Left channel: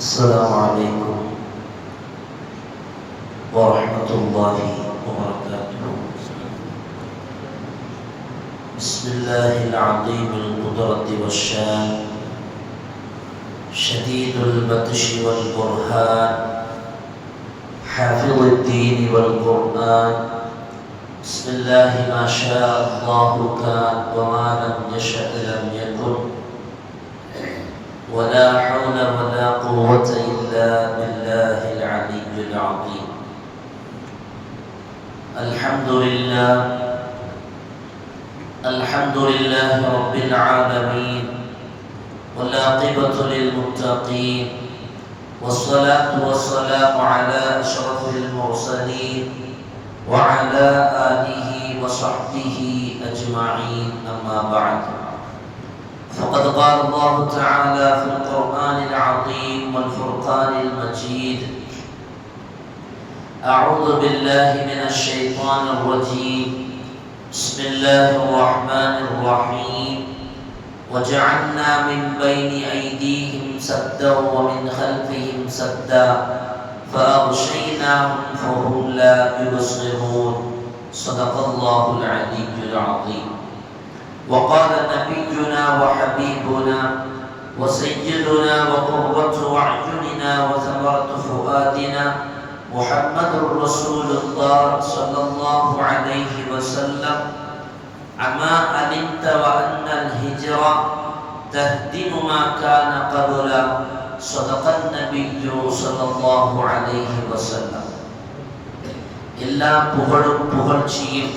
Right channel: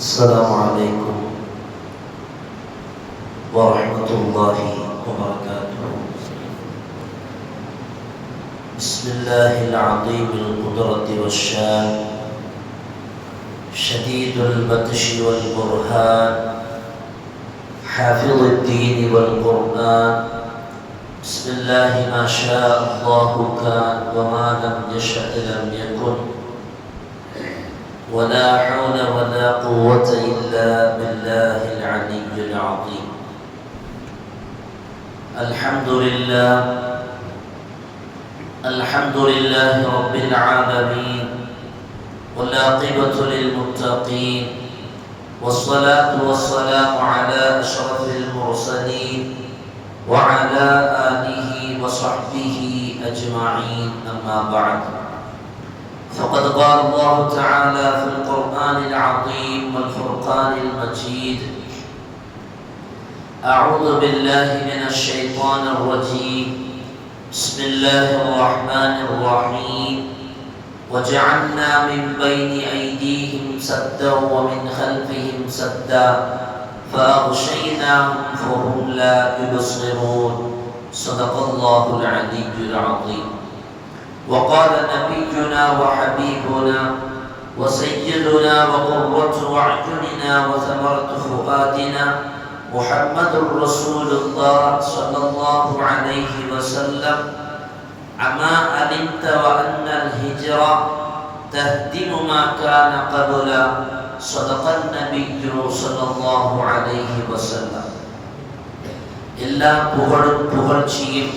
السلام عليكم ورحمة الله وبركاته. بسم الله العظيم القدرة والشان، شديد البطش والبرهان، حافظ الدين والقرآن. بسم الله ما شاء الله كان وما لم يشأ لم يكن، ولا حول ولا قوة إلا بالله العلي العظيم. الحمد لله رب العالمين، والعاقبة للمتقين، والصلاة والسلام على أشرف المرسلين وعلى آله وصحبه أجمعين. أما بعد، فقد قال الله تعالى في القرآن العظيم والفرقان المجيد: أعوذ بالله من الشيطان الرجيم، بسم الله الرحمن الرحيم. وجعلنا من بين أيديهم سدا ومن خلفهم سدا فأغشيناهم فهم لا يبصرون. صدق الله العلي العظيم. وقال نبينا وحبيبنا وسيدنا وقرة أعيننا وثمرة فؤادنا محمد رسول الله صلى الله عليه وسلم: أما علمت وأن الهجرة تهدم ما كان قبلا. صدق النبي صلى الله عليه وسلم. எல்லா புகழும் புகழ்ச்சியும்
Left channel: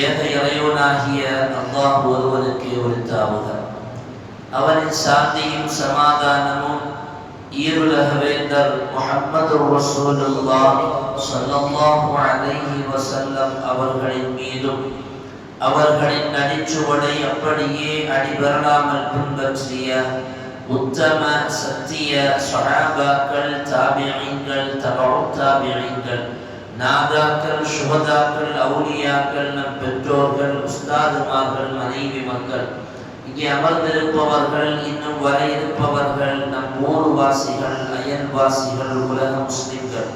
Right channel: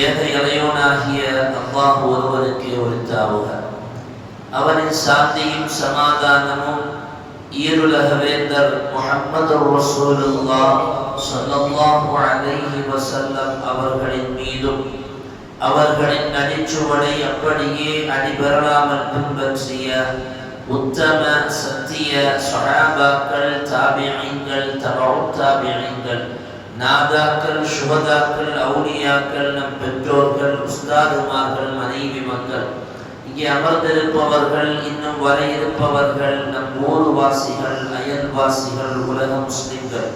ஏக இறைவனாகிய அல்லாஹ் ஒருவனுக்கு உரித்தாவுக. அவனின் சாந்தியும் சமாதானமும் ஈருலக வேந்தர் முஹம்மது ரசூலுல்லாஹ் ஸல்லல்லாஹு அலைஹி வஸல்லம் அவர்களின் மீதும், அவர்களின் நடிச்சுவடை அப்படியே அடிபெறலாமல் பின்பற்றிய உத்தம சத்திய ஸஹாபாக்கள், தாபிஈன்கள், தபஉ தாபிஈன்கள், நாதாக்கள், சுஹதாக்கள், அவுலியாக்கள், நம் பெற்றோர்கள், உஸ்தாதுமார்கள், மனைவி மக்கள், இங்கே அமர்ந்திருப்பவர்கள், இன்னும் வர இருப்பவர்கள், நம் ஊர்வாசிகள், அயல்வாசிகள், உலக முஸ்லிம்கள்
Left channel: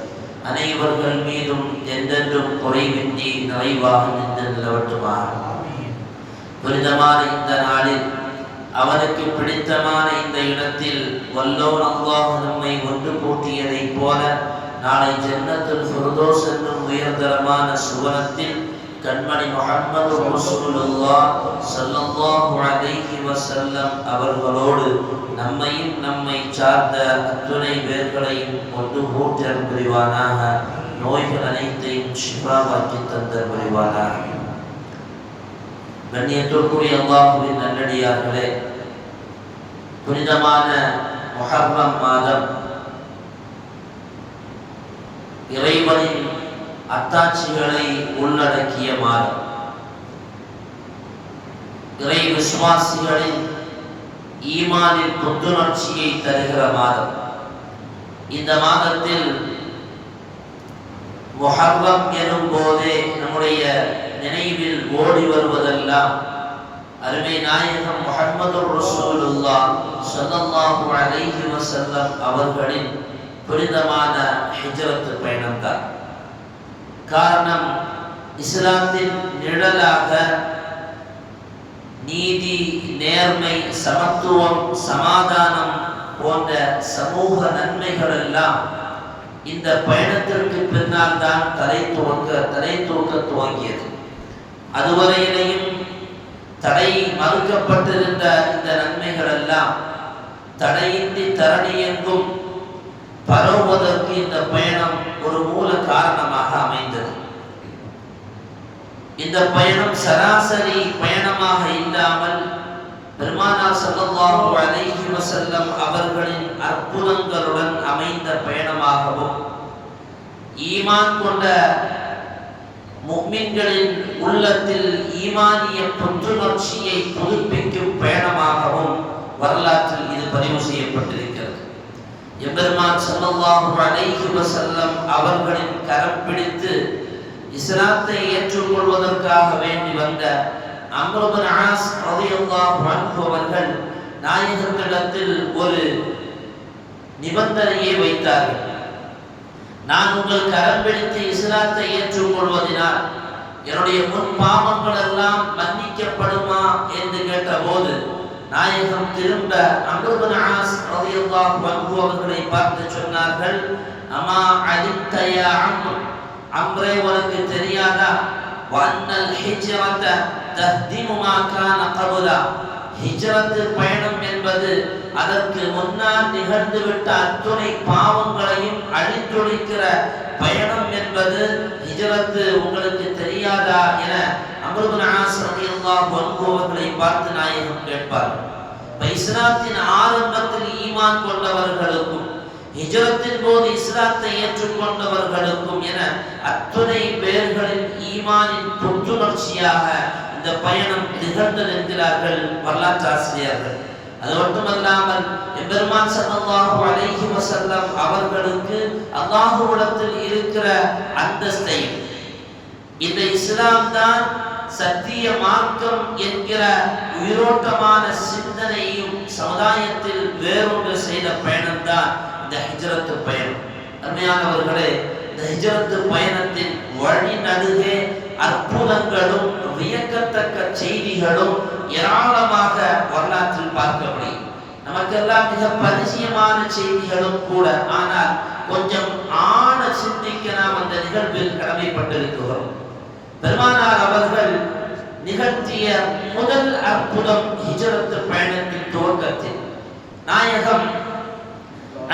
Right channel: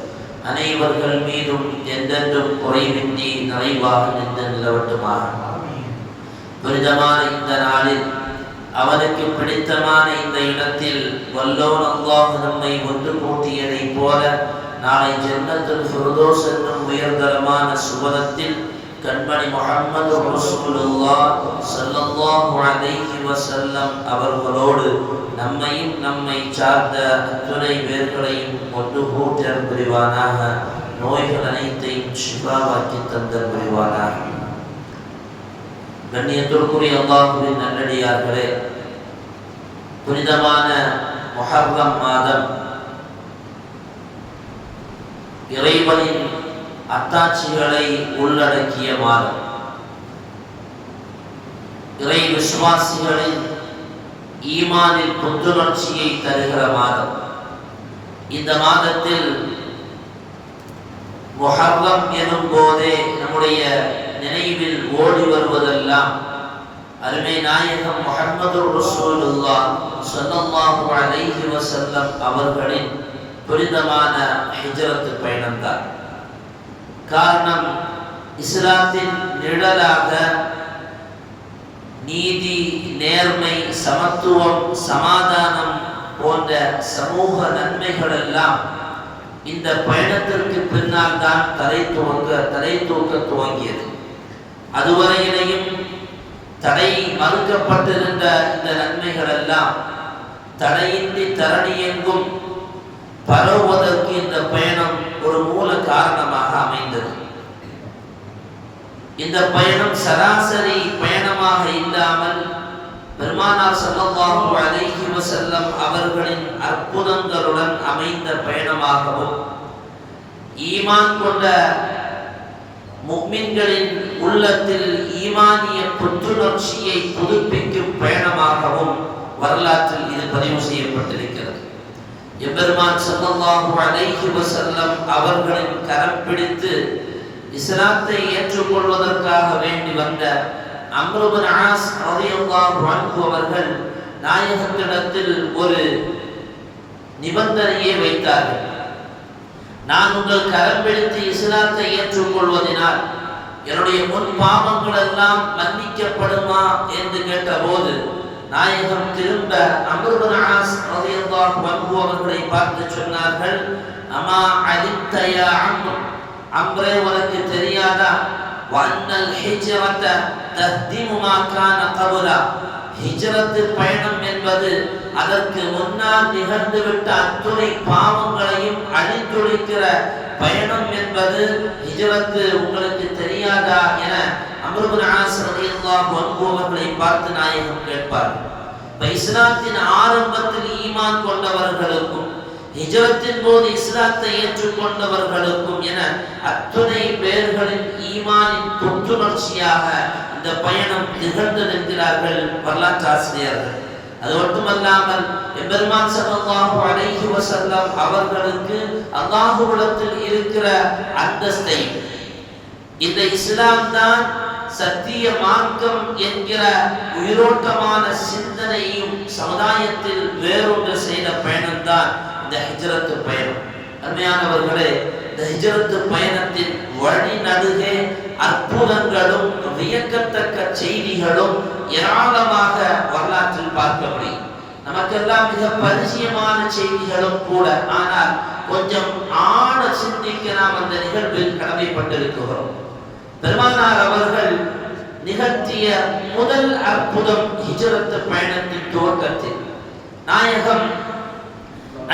அனைவர்கள் மீதும் என்றென்றும் குறைவின்றி நிறைவாக நின்று நிலவட்டுமாக. புனிதமான இந்த நாளில், அவனுக்கு பிடித்தமான இந்த இடத்தில் வல்லோன் அல்லாஹ் நம்மை ஒன்று கூட்டியதை போல நாளை ஜன்னத்துல் ஃபிர்தௌஸ் என்னும் உயர்தரமான சுவனத்தில் கண்மணி முஹம்மது ரசூலுல்லாஹ் ஸல்லல்லாஹு அலைஹி வஸல்லம் அவர்களோடு நம்மையும் நம்மை சார்ந்த அத்துணை பேர்களையும் ஒன்று கூட்டல் புரிவானாக. நோய்கள் அனைத்தையும் ஷிஃபாவாக்கி தந்தல் புரிவானாக. கண்ணியத்திற்குரிய அல்லாஹ்வின் நல்லடியார்களே, புனிதமான முஹர்ரம் மாதம் இறைவனின் அத்தாட்சிகளை உள்ளடக்கிய மாதம், இறை விசுவாசிகளின் ஈமானில் புத்துணர்ச்சியை தருகிற மாதம். இந்த மாதத்தில் முஹர்ரம் எனும் போதே நம்முடைய நினைவில் ஓடி வருவதெல்லாம் அருமை நாயகம் முஹம்மது ரசூலுல்லாஹ் ஸல்லல்லாஹு அலைஹி வஸல்லம் அவர்களின் புனிதமான ஹிஜ்ரத் பயணம்தான். காரணம், இஸ்லாத்தின் நிழலாக நீதி, நேர்மை, சமத்துவம், சமாதானம் போன்ற சமூக நன்மைகள் எல்லாம் இந்த பயணத்திற்கு பின்னால் தான் தலை தூக்க துவங்கியது. அதுவரையிலேயும் தடை மறுக்கப்பட்டிருந்த இந்த நன்மைகள் எல்லாம் தடையின்றி தரணியெங்கும் பரவுவதற்கு இந்த பயணம் ஒரு மூல காரணமாக அமைந்தது. இந்த பயணம் சராசரி பயணமாக இல்லாமல் பெருமானார் ஸல்லல்லாஹு அலைஹி வஸல்லம் அவர்களின் அற்புதங்களுடன் அமைந்த பயணமாகவும், ஈமான் கொண்ட முஃமின்களின் உள்ளத்தில் ஈமானிய புத்துணர்ச்சியை புதுப்பிக்கும் பயணமாகவும் வரலாற்றில் இது பதிவு செய்யப்பட்டிருக்கிறது. எம்பெருமான் ஸல்லல்லாஹு அலைஹி வஸல்லம் அவர்களின் கரம் பிடித்து இஸ்லாத்தை ஏற்றுக்கொள்வதற்காக வேண்டி வந்த அம்ர் இப்னு ஆஸ் ரலியல்லாஹு அன்ஹு அவர்கள் நாயகத்திடத்தில் ஒரு நிபந்தனையை வைத்தார்கள். நான் உங்கள் கரம் பிடித்து இஸ்லாத்தை ஏற்றுக்கொள்வதனால் என்னுடைய முன் பாவங்கள் எல்லாம் மன்னிக்கப்படுமா என்று கேட்டபோது நாயகம் திரும்ப அம்ர் இப்னு ஆஸ் ரலியல்லாஹு அன்ஹு அவர்களை பார்த்து சொன்னார்கள், அமா அலிம்த யா அம்ர், அம்ரே உனக்கு தெரியாதா, வன்னல் ஹிஜ்ரத தஹ்திமு மா கான கப்லா, ஹிஜ்ரத் பயணம் என்பது அதற்கு முன்னால் நிகழ்ந்துவிட்ட அத்துணை பாவங்களையும் அழித்தொழிக்கிற பயணம் என்பது ஹிஜ்ரத் உங்களுக்கு தெரியாதா என அம்ர் இப்னு ஆஸ் ரலியல்லாஹு அன்ஹு அவர்களை பார்த்து நாயகம் கேட்பார்கள். இஸ்லாத்தின் ஆரம்பத்தில் ஈமான் கொண்டவர்களுக்கும் ஹிஜ்ரத்தின் போது இஸ்லாத்தை ஏற்றுக்கொண்டவர்களுக்கும் என அத்துணை பேர்களின் ஈமானின் புத்துணர்ச்சியாக இந்த பயணம் திகழ்ந்ததென்கிறார்கள் வரலாற்று ஆசிரியர்கள். அது மட்டுமல்லாமல் எம்பெருமான் ஸல்லல்லாஹு அலைஹி வஸல்லம் அவர்களுக்கு அல்லாஹ்விடத்தில் இருக்கிற அந்தஸ்தை, இந்த இஸ்லாம் தான் சத்திய மார்க்கம் என்கிற உயிரோட்டமான சிந்தனையும் சமுதாயத்தில் வேறொன்று செய்த பயணம்தான் இந்த ஹிஜ்ரத் பயணம். அருமையானவர்களே, இந்த ஹிஜ்ரத் பயணத்தின் வழி நடுவே அற்புதங்களும் வியக்கத்தக்க செய்திகளும் ஏராளமாக வரலாற்றில் பார்க்க முடியும். நமக்கெல்லாம் மிக பரிச்சயமான செய்திகளும் கூட. ஆனால் கொஞ்சம் ஆழ சிந்திக்க நாம் அந்த நிகழ்வில் கடமைப்பட்டிருக்கிறோம். பெருமானார் அவர்கள் நிகழ்த்திய முதல் அற்புதம் ஹிஜ்ரத் பயணத்தின் துவக்கத்தில் நாயகம்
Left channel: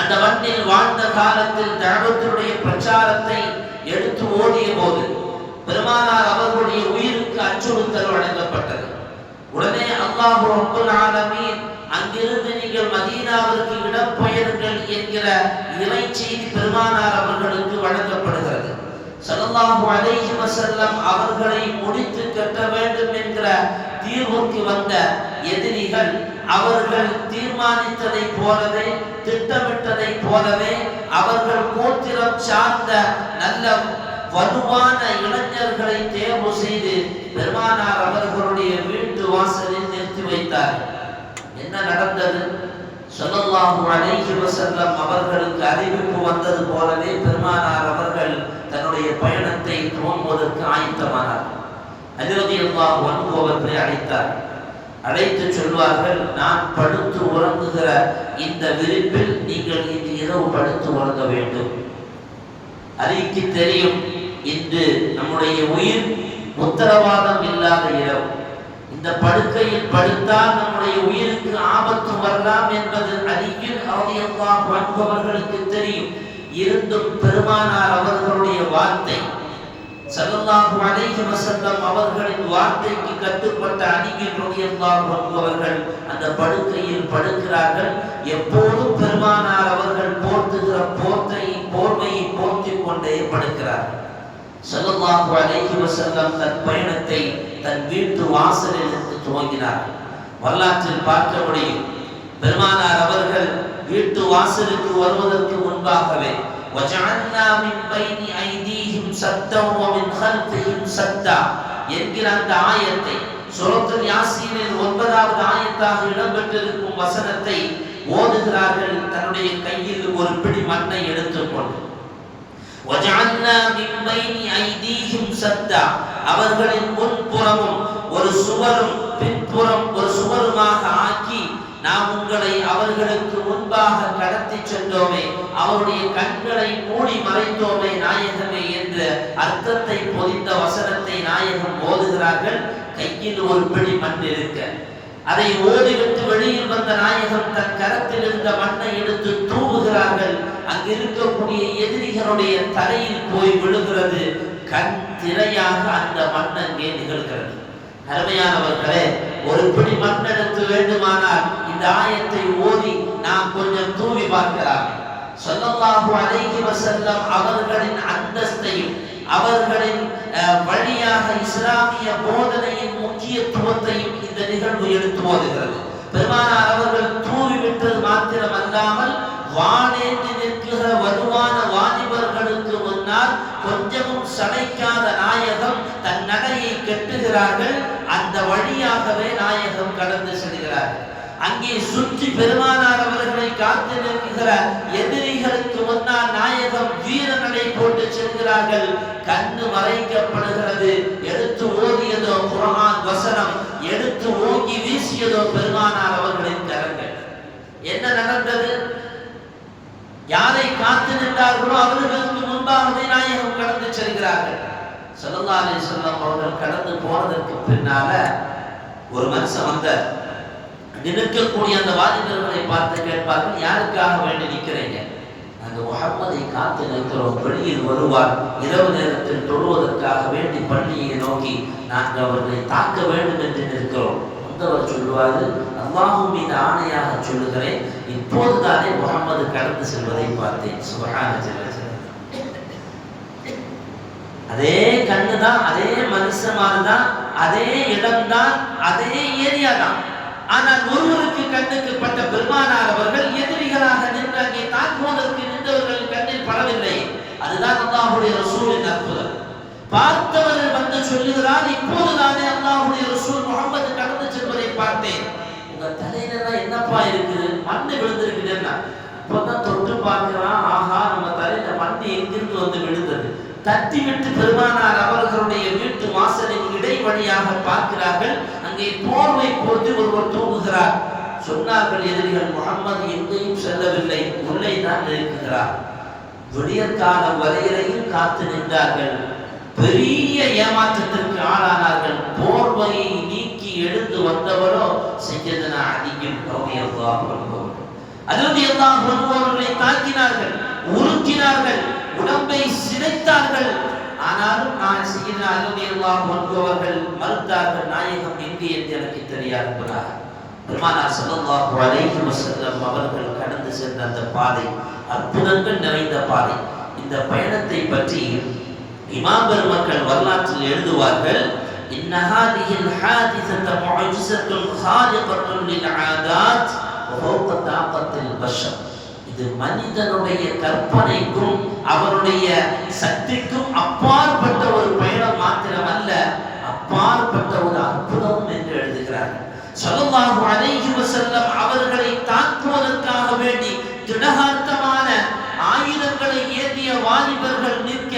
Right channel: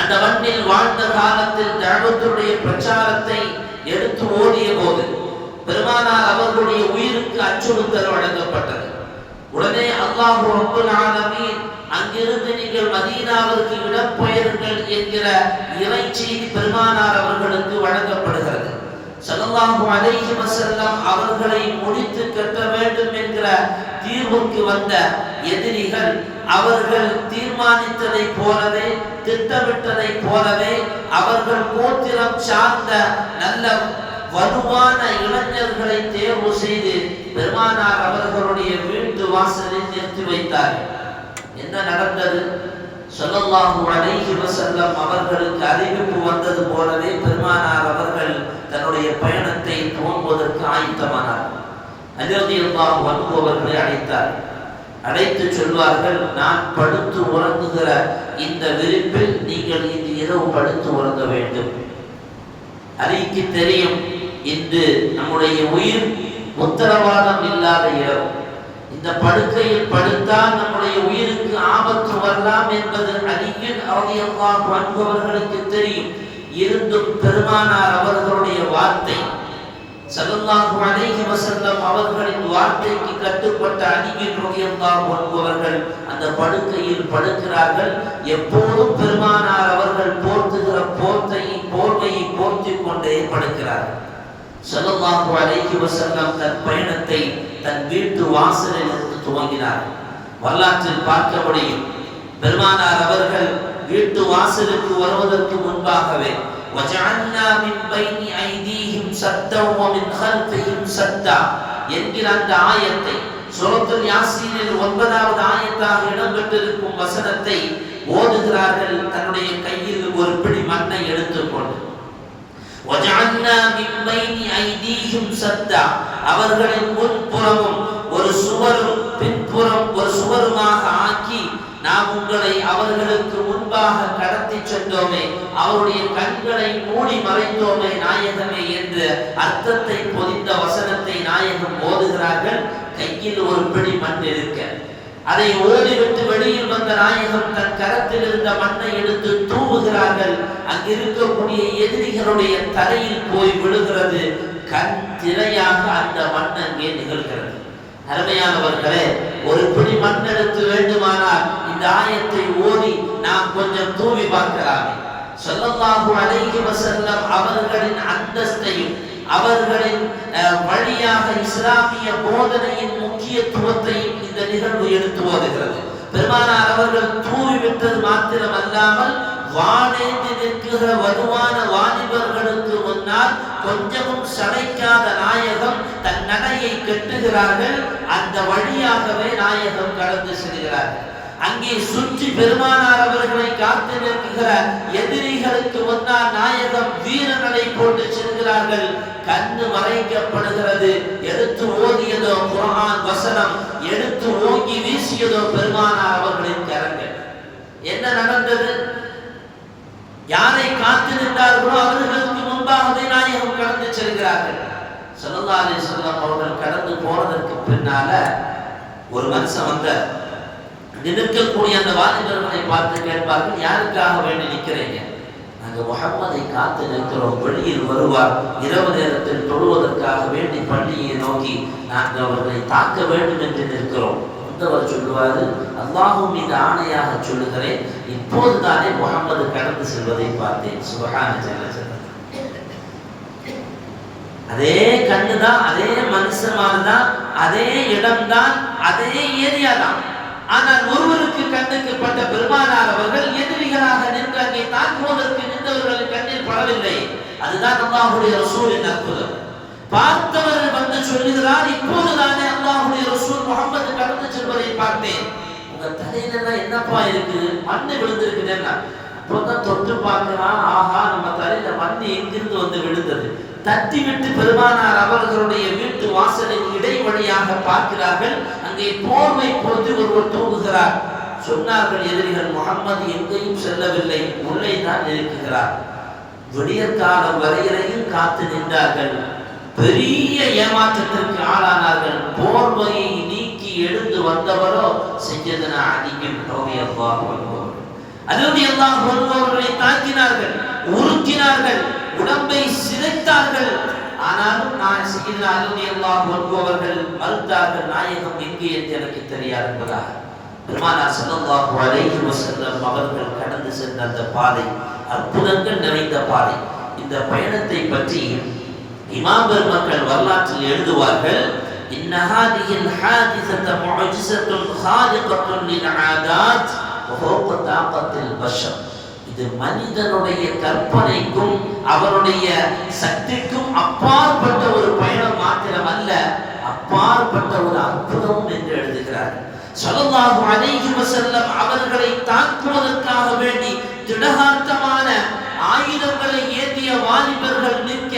அந்த மண்ணில் வாழ்ந்த காலத்தில் தஅவத்துடைய பிரச்சாரத்தை எடுத்து ஓடிய போது பெருமானார் அவர்களுடைய உயிருக்கு அச்சுறுத்தல் வழங்கப்பட்டது. உடனே அல்லாஹ் ரப்பல் ஆலமீன் அங்கிருந்து நீங்கள் மதீனாவிற்கு இடம்பெயருங்கள் என்கிற இறை செய்தி பெருமானார் அவர்களுக்கு வழங்கப்படுகிறது. ஸல்லல்லாஹு அலைஹி வஸல்லம் அவர்களை முடித்து கட்ட வேண்டும் என்கிற தீர்வுக்கு வந்த எதிரிகள் அவர்கள் தீர்மானித்ததை போலவே திட்டமிட்டதை போலவே அவர்கள் கோத்திரம் சார்ந்த நல்ல வலுவான இளைஞர்களை தேர்வு செய்து பெருமானார் அவர்களுடைய வீட்டு வாசலில் நிறுத்தி வைத்தார்கள். என்ன நடந்தது? ஸல்லல்லாஹு அலைஹி வஸல்லம் அவர்களுக்கு அறிவிப்பு வந்தது போலவே பெருமானார் அவர்கள் தன்னுடைய பயணத்தை துவங்குவதற்கு ஆயத்தமானார். அலி ரலியல்லாஹு அன்ஹு அவர்களை அழைத்தார். அழைத்து சொல்வார்கள், நான் படுத்து உறங்குகிற இந்த விரிப்பில் நீங்கள் இன்று இரவு படுத்து உறங்க வேண்டும். அலிக்கு தெரியும், இன்று நம்முடைய உயிர் உத்தரவாதம் இல்லாத இரவு. இந்த படுக்கையில் படுத்தால் நம்முடைய உயிருக்கு ஆபத்து வரலாம் என்பது அலியின் ரலியல்லாஹு அன்ஹு அவர்களுக்கு தெரியும். இருந்தும் பெருமானார் அவர்களுடைய வார்த்தை, ஸல்லல்லாஹு அலைஹி வஸல்லம் அவர்களின் வார்த்தைக்கு கட்டுப்பட்ட அலியின் ரலியல்லாஹு அன்ஹு அவர்கள் அந்த படுக்கையில் படுக்கிறார்கள். எப்போதும் பெருமானார் அவர்கள் போர்த்துகிற போர்வையை போர்த்திக் கொண்டே படுக்கிறார்கள். ஸல்லல்லாஹு அலைஹி வஸல்லம் தன் பயணத்தை தன் வீட்டு வாசலில் இருந்து துவங்கினார். வரலாற்றில் பார்க்க முடியும், பெருமானார் அவர்கள் வீட்டு வாசலுக்கு வருவதற்கு முன்பாகவே وَجَعَلْنَا مِنْ بَيْنِ أَيْدِيهِمْ سَدًّا وَمِنْ خَلْفِهِمْ سَدًّا என்கிற அந்த ஆயத்தை சூரத்துல் யாசீனில் 9வது ஆயத்தாக இடம்பெற்றிருக்கும் வசனத்தை ஓதுகிறார்கள். தன்னுடைய கையில் ஒரு பிடி மண்ணை எடுத்துக்கொண்டு وَجَعَلْنَا مِنْ بَيْنِ أَيْدِيهِمْ سَدًّا அவர்களின் முன்புறமும் ஒரு சுவரும் பின்புறம் ஒரு சுவருமாக ஆக்கி நாம் உங்களை அவர்களுக்கு முன்பாக கடத்தி சென்றோமே, அவருடைய கண்களை மூடி மறைத்தோமே நாயகமே என்ற அர்த்தத்தை பொதிந்த வசனத்தை நாயகம் ஓதுகிறார்கள். கையில் ஒரு பிடி மண் இருக்க அதை ஓடிவிட்டு வெளியில் வந்த நாயகம் தன் கரத்தில் இருந்த மண்ணை எடுத்து தூவுகிறார்கள். அங்கிருக்கக்கூடிய எதிரிகளுடைய தலையில் போய் விழுகிறது. கண் திரையாக அந்த மண் அங்கே நிகழ்கிறது. அருமையானவர்களே, ஒரு பிடி மண் எடுத்து வேண்டுமானால் இந்த ஆயத்தை ஓதி நாம் கொஞ்சம் தூவி பார்க்கலாம். ஸல்லல்லாஹு அலைஹி வஸல்லம் அவர்களின் அந்தஸ்தையும் அவர்களின் வழியாக இஸ்லாமிய போதனையின் முக்கியத்துவத்தையும் இந்த நிகழ்வு எடுத்து ஓதுகிறது. பெருமானார் அவர்கள் தூவி விட்டது மாத்திரமல்லாமல் வானேந்தி நிற்கிற வலுவான வாலிபர்களுக்கு முன்னால் கொஞ்சமும் சளைக்காத நாயகம் தன் நடையை கட்டுகிறார்கள். அந்த வழியாகவே நாயகம் கடந்து செல்கிறார்கள். அங்கே சுற்றி பெருமானார் அவர்களை காத்து நிற்கிற எதிரிகளுக்கு முன்னால் நாயகம் வீரநடை போட்டு செல்கிறார்கள். கண்ணு மறைக்கப்படுகிறது. எடுத்து ஓதியதோ குர்ஆன் வசனம், எடுத்து ஓங்கி வீசியதோ பெருமானார் அவர்களின் கரங்கள். என்ன நடந்தது? யாரை காத்து நின்றார்களோ அவர்களுக்கு முன்பாகவே நாயகம் கடந்து செல்கிறார்கள். ஸல்லல்லாஹு அலைஹி வஸல்லம் அவர்கள் கடந்து போனதற்கு பின்னால ஒரு மனுஷன் வந்தார். நிற்கக்கூடிய அந்த வாலிபர்களை பார்த்து கேட்பார்கள், யாருக்காக வேண்டி நிற்கிறீங்க? நாங்கள் முஹம்மதை காத்து நிற்கிறோம், வெளியில் வருவார், இரவு நேரத்தில் தொழுவதற்காக வேண்டி பள்ளியை நோக்கி நாங்கள் அவர்களை தாக்க வேண்டும் என்று நிற்கிறோம். வந்தவர் சொல்லுவாரு, அல்லாஹ்வின் மீது ஆணையாக சொல்லுகிறேன், இப்போதுதானே முஹம்மது கடந்து செல்வதை பார்த்தேன். சுப்ஹான ஜல்ல ஜலாலுஹு. அதே கண்ணுதான், அதே மனுஷமானதான், அதே இடம்தான், அதே ஏரியா தான். ஆனால் ஒருவருக்கு கண்ணுக்கு பட்ட பெருமானார் அவர்கள் எதிரிகளாக நின்று அங்கே தாக்குவதற்கு நின்றவர்களின் கண்ணில் படவில்லை. அதுதான் அல்லாஹ்வுடைய ரசூலின் அற்புதம். பார்த்தவர் வந்து சொல்லுகிறார், இப்போதுதானே அல்லாஹ்வுடைய ரசூல் முஹம்மது கடந்து செல்வதை பார்த்தேன். உங்க தலையில என்னப்பா இருக்கு? மண்ணு விழுந்திருக்குதுன்னா இப்போதான் தொட்டு பார்க்கிறான். ஆஹா, நம்ம தலையில மண்ணு எங்கிருந்து வந்து விழுந்தது? தட்டி விட்டு பெருமானார் அவர்களுடைய வீட்டு வாசலின் இடைவழியாக பார்க்கிறார்கள். அங்கே போர்வை போட்டு ஒருவர் தூங்குகிறார். சொன்னார்கள் எதிரிகள், முஹம்மது எங்கேயும் செல்லவில்லை, உள்ளே தான் இருக்கிறார். விடியற்காலம் வரையிலையும் காத்து நின்றார்கள். பெரிய ஏமாற்றத்திற்கு ஆளானார்கள். போர்வையை நீக்கி எழுந்து வந்தவரோ சையதுனா அலி ரலியல்லாஹு அன்ஹு. அலி ரலியல்லாஹு அன்ஹு அவர்களை தாக்கினார்கள், உருக்கினார்கள், உடம்பை சிதைத்தார்கள். ஆனாலும் நான் சையதுனா அலி ரலியல்லாஹு அன்ஹு அவர்கள் மறுத்தார்கள், நாயகம் எங்கே என்று எனக்கு தெரியாது என்பதாக. பெருமானார் ஸல்லல்லாஹு அலைஹி வஸல்லம் அவர்கள் கடந்து சென்ற அந்த பாதை அற்புதங்கள் நிறைந்த பாதை. இந்த பயணத்தை பற்றி இமாம் பெருமக்கள் வரலாற்றில் எழுதுவார்கள், இன்ன ஹாதிஹில் ஹாதிஸத முஅஜிஸத்துன் ஹாலிகத்துன் லில் ஆதாத் வ ஃபௌக தாகத்தில் பஷர். இது மனிதனுடைய கற்பனைக்கும் அவருடைய சக்திக்கும் அப்பாற்பட்ட ஒரு பயணம் மாத்திரமல்ல, அப்பாற்பட்ட ஒரு அற்புதம் என்று எழுதுகிறார்கள். ஸல்லல்லாஹு அலைஹி வஸல்லம் அவர்களை தாக்குவதற்காக வேண்டி திடகார்த்தமான ஆயுதங்களை ஏந்திய வாலிபர்கள் நிற்க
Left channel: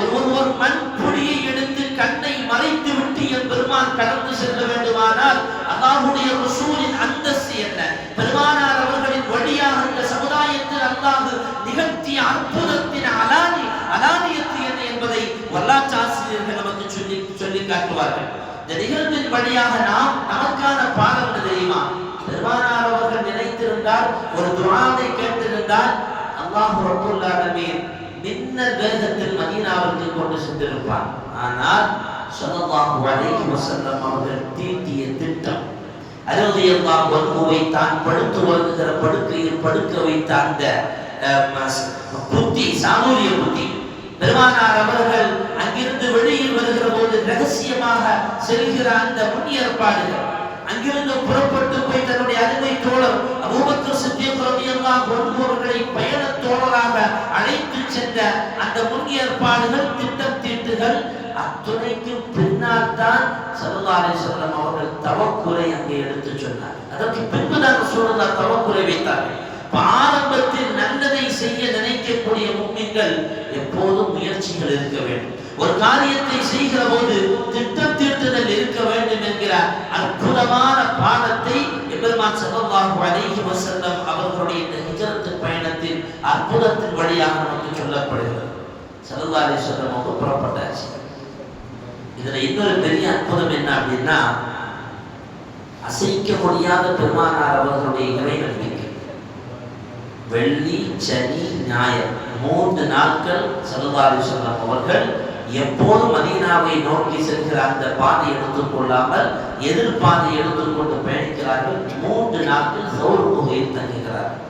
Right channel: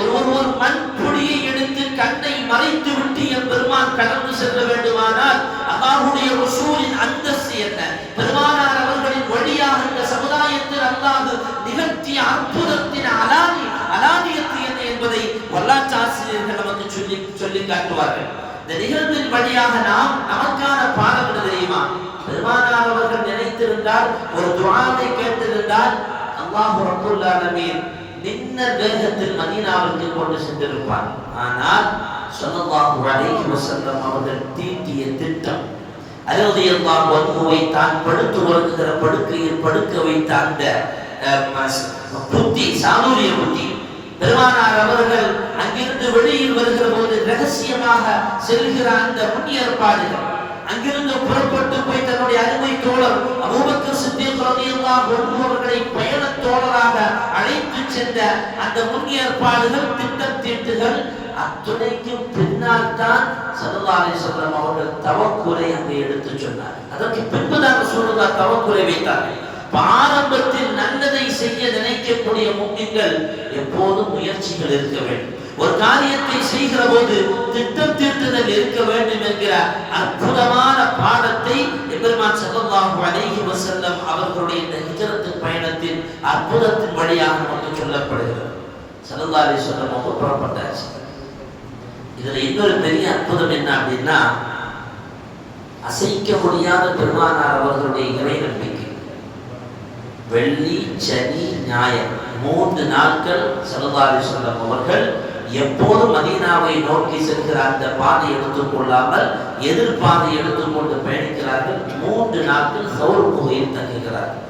ஒரு மண் புடியை எடுத்து கண்ணை மறைத்து விட்டு என் பெருமான் கடந்து செல்ல வேண்டுமானால் அல்லாஹ்வுடைய ரசூலின் அந்தஸ்து என்ன, பெருமானார் அவர்களின் வழியாக இந்த சமுதாயத்தில் அல்லாஹ் நிகழ்த்திய அற்புதத்தின் அலானியத்து என்ன என்பதை வரலாற்று ஆசிரியர்கள் நமக்கு சொல்லி காட்டுவார்கள். இந்த நிகழ்வின் வழியாக நமக்கான பாடம் என்ன தெரியுமா? பெருமானார் அவர்கள் நினைத்திருந்தால், ஒரு துஆவை கேட்டிருந்தால், அல்லாஹ் ரப்பல் ஆலமீன் மின்னல் வேகத்தில் மதீனாவிற்கு கொண்டு சென்றிருப்பார். ஆனால் ஸல்லல்லாஹு அலைஹி வஸல்லம் அவர்கள் தீட்டிய திட்டம், ரலியல்லாஹு அன்ஹுவை தான் படுத்து வருகிற படுக்கையில் படுக்க வைத்த அந்த புத்தி, சாதுரிய புத்தி. பெருமானார் அவர்கள் அங்கிருந்து வெளியில் வருகிற போது ரகசியமாக செல்கிற அந்த முன்னேற்பாடுகள், அங்கிருந்து புறப்பட்டு போய் தன்னுடைய அருமை தோழர் அபூபக்கர் சித்திக் ரலியல்லாஹு அன்ஹு அவர்களை பயண தோழராக அழைத்து சென்ற அந்த முன்னேற்பாடுகள், திட்டம் தீட்டுகள் அத்துணைக்கும் பின்னால் தான் ஸல்லல்லாஹு அலைஹி வஸல்லம் அவர்கள் தவக்குரை அங்கே எடுத்து சொன்னார். அதற்கு பின்புதான் ரசூலுல்லாஹ் தவக்குரை வைத்தார்கள். ஆரம்பத்தில் நல்லதை செய்ய நினைக்கக்கூடிய முஃமின்கள் எப்போதும் முயற்சிகள் இருக்க வேண்டும். ஒரு காரியத்தை செய்கிற போது திட்டம் தீட்டுதல் இருக்க வேண்டும் என்கிற அற்புதமான பாடத்தை எபெருமான் ஸல்லல்லாஹு அலைஹி வஸல்லம் அவர்களுடைய இந்த ஹிஜ்ரத் பயணத்தின் அற்புதத்தின் வழியாக நமக்கு சொல்லப்படுகிறது. ஸல்லல்லாஹு அலைஹி வஸல்லம் அவங்க புறப்பட்டாச்சு. இதுல இன்னொரு பெரிய அற்புதம் என்ன அப்படின்னா, அசைக்க முடியாத பெருமானார் அவர்களுடைய இறை நம்பிக்கை. வெள்ளி, சனி, ஞாயிறு 3 நாட்கள் ஸல்லல்லாஹு அலைஹி வஸல்லம் அவர்கள் எப்போது மதீனாவை நோக்கி செல்கிற அந்த பாதை எடுத்துக்கொள்ளாமல் எதிர்பாதை எடுத்துக்கொண்டு பயணிக்கிறார்கள். 3 நாட்கள் சௌர் குகையில் தங்குகிறார்கள்.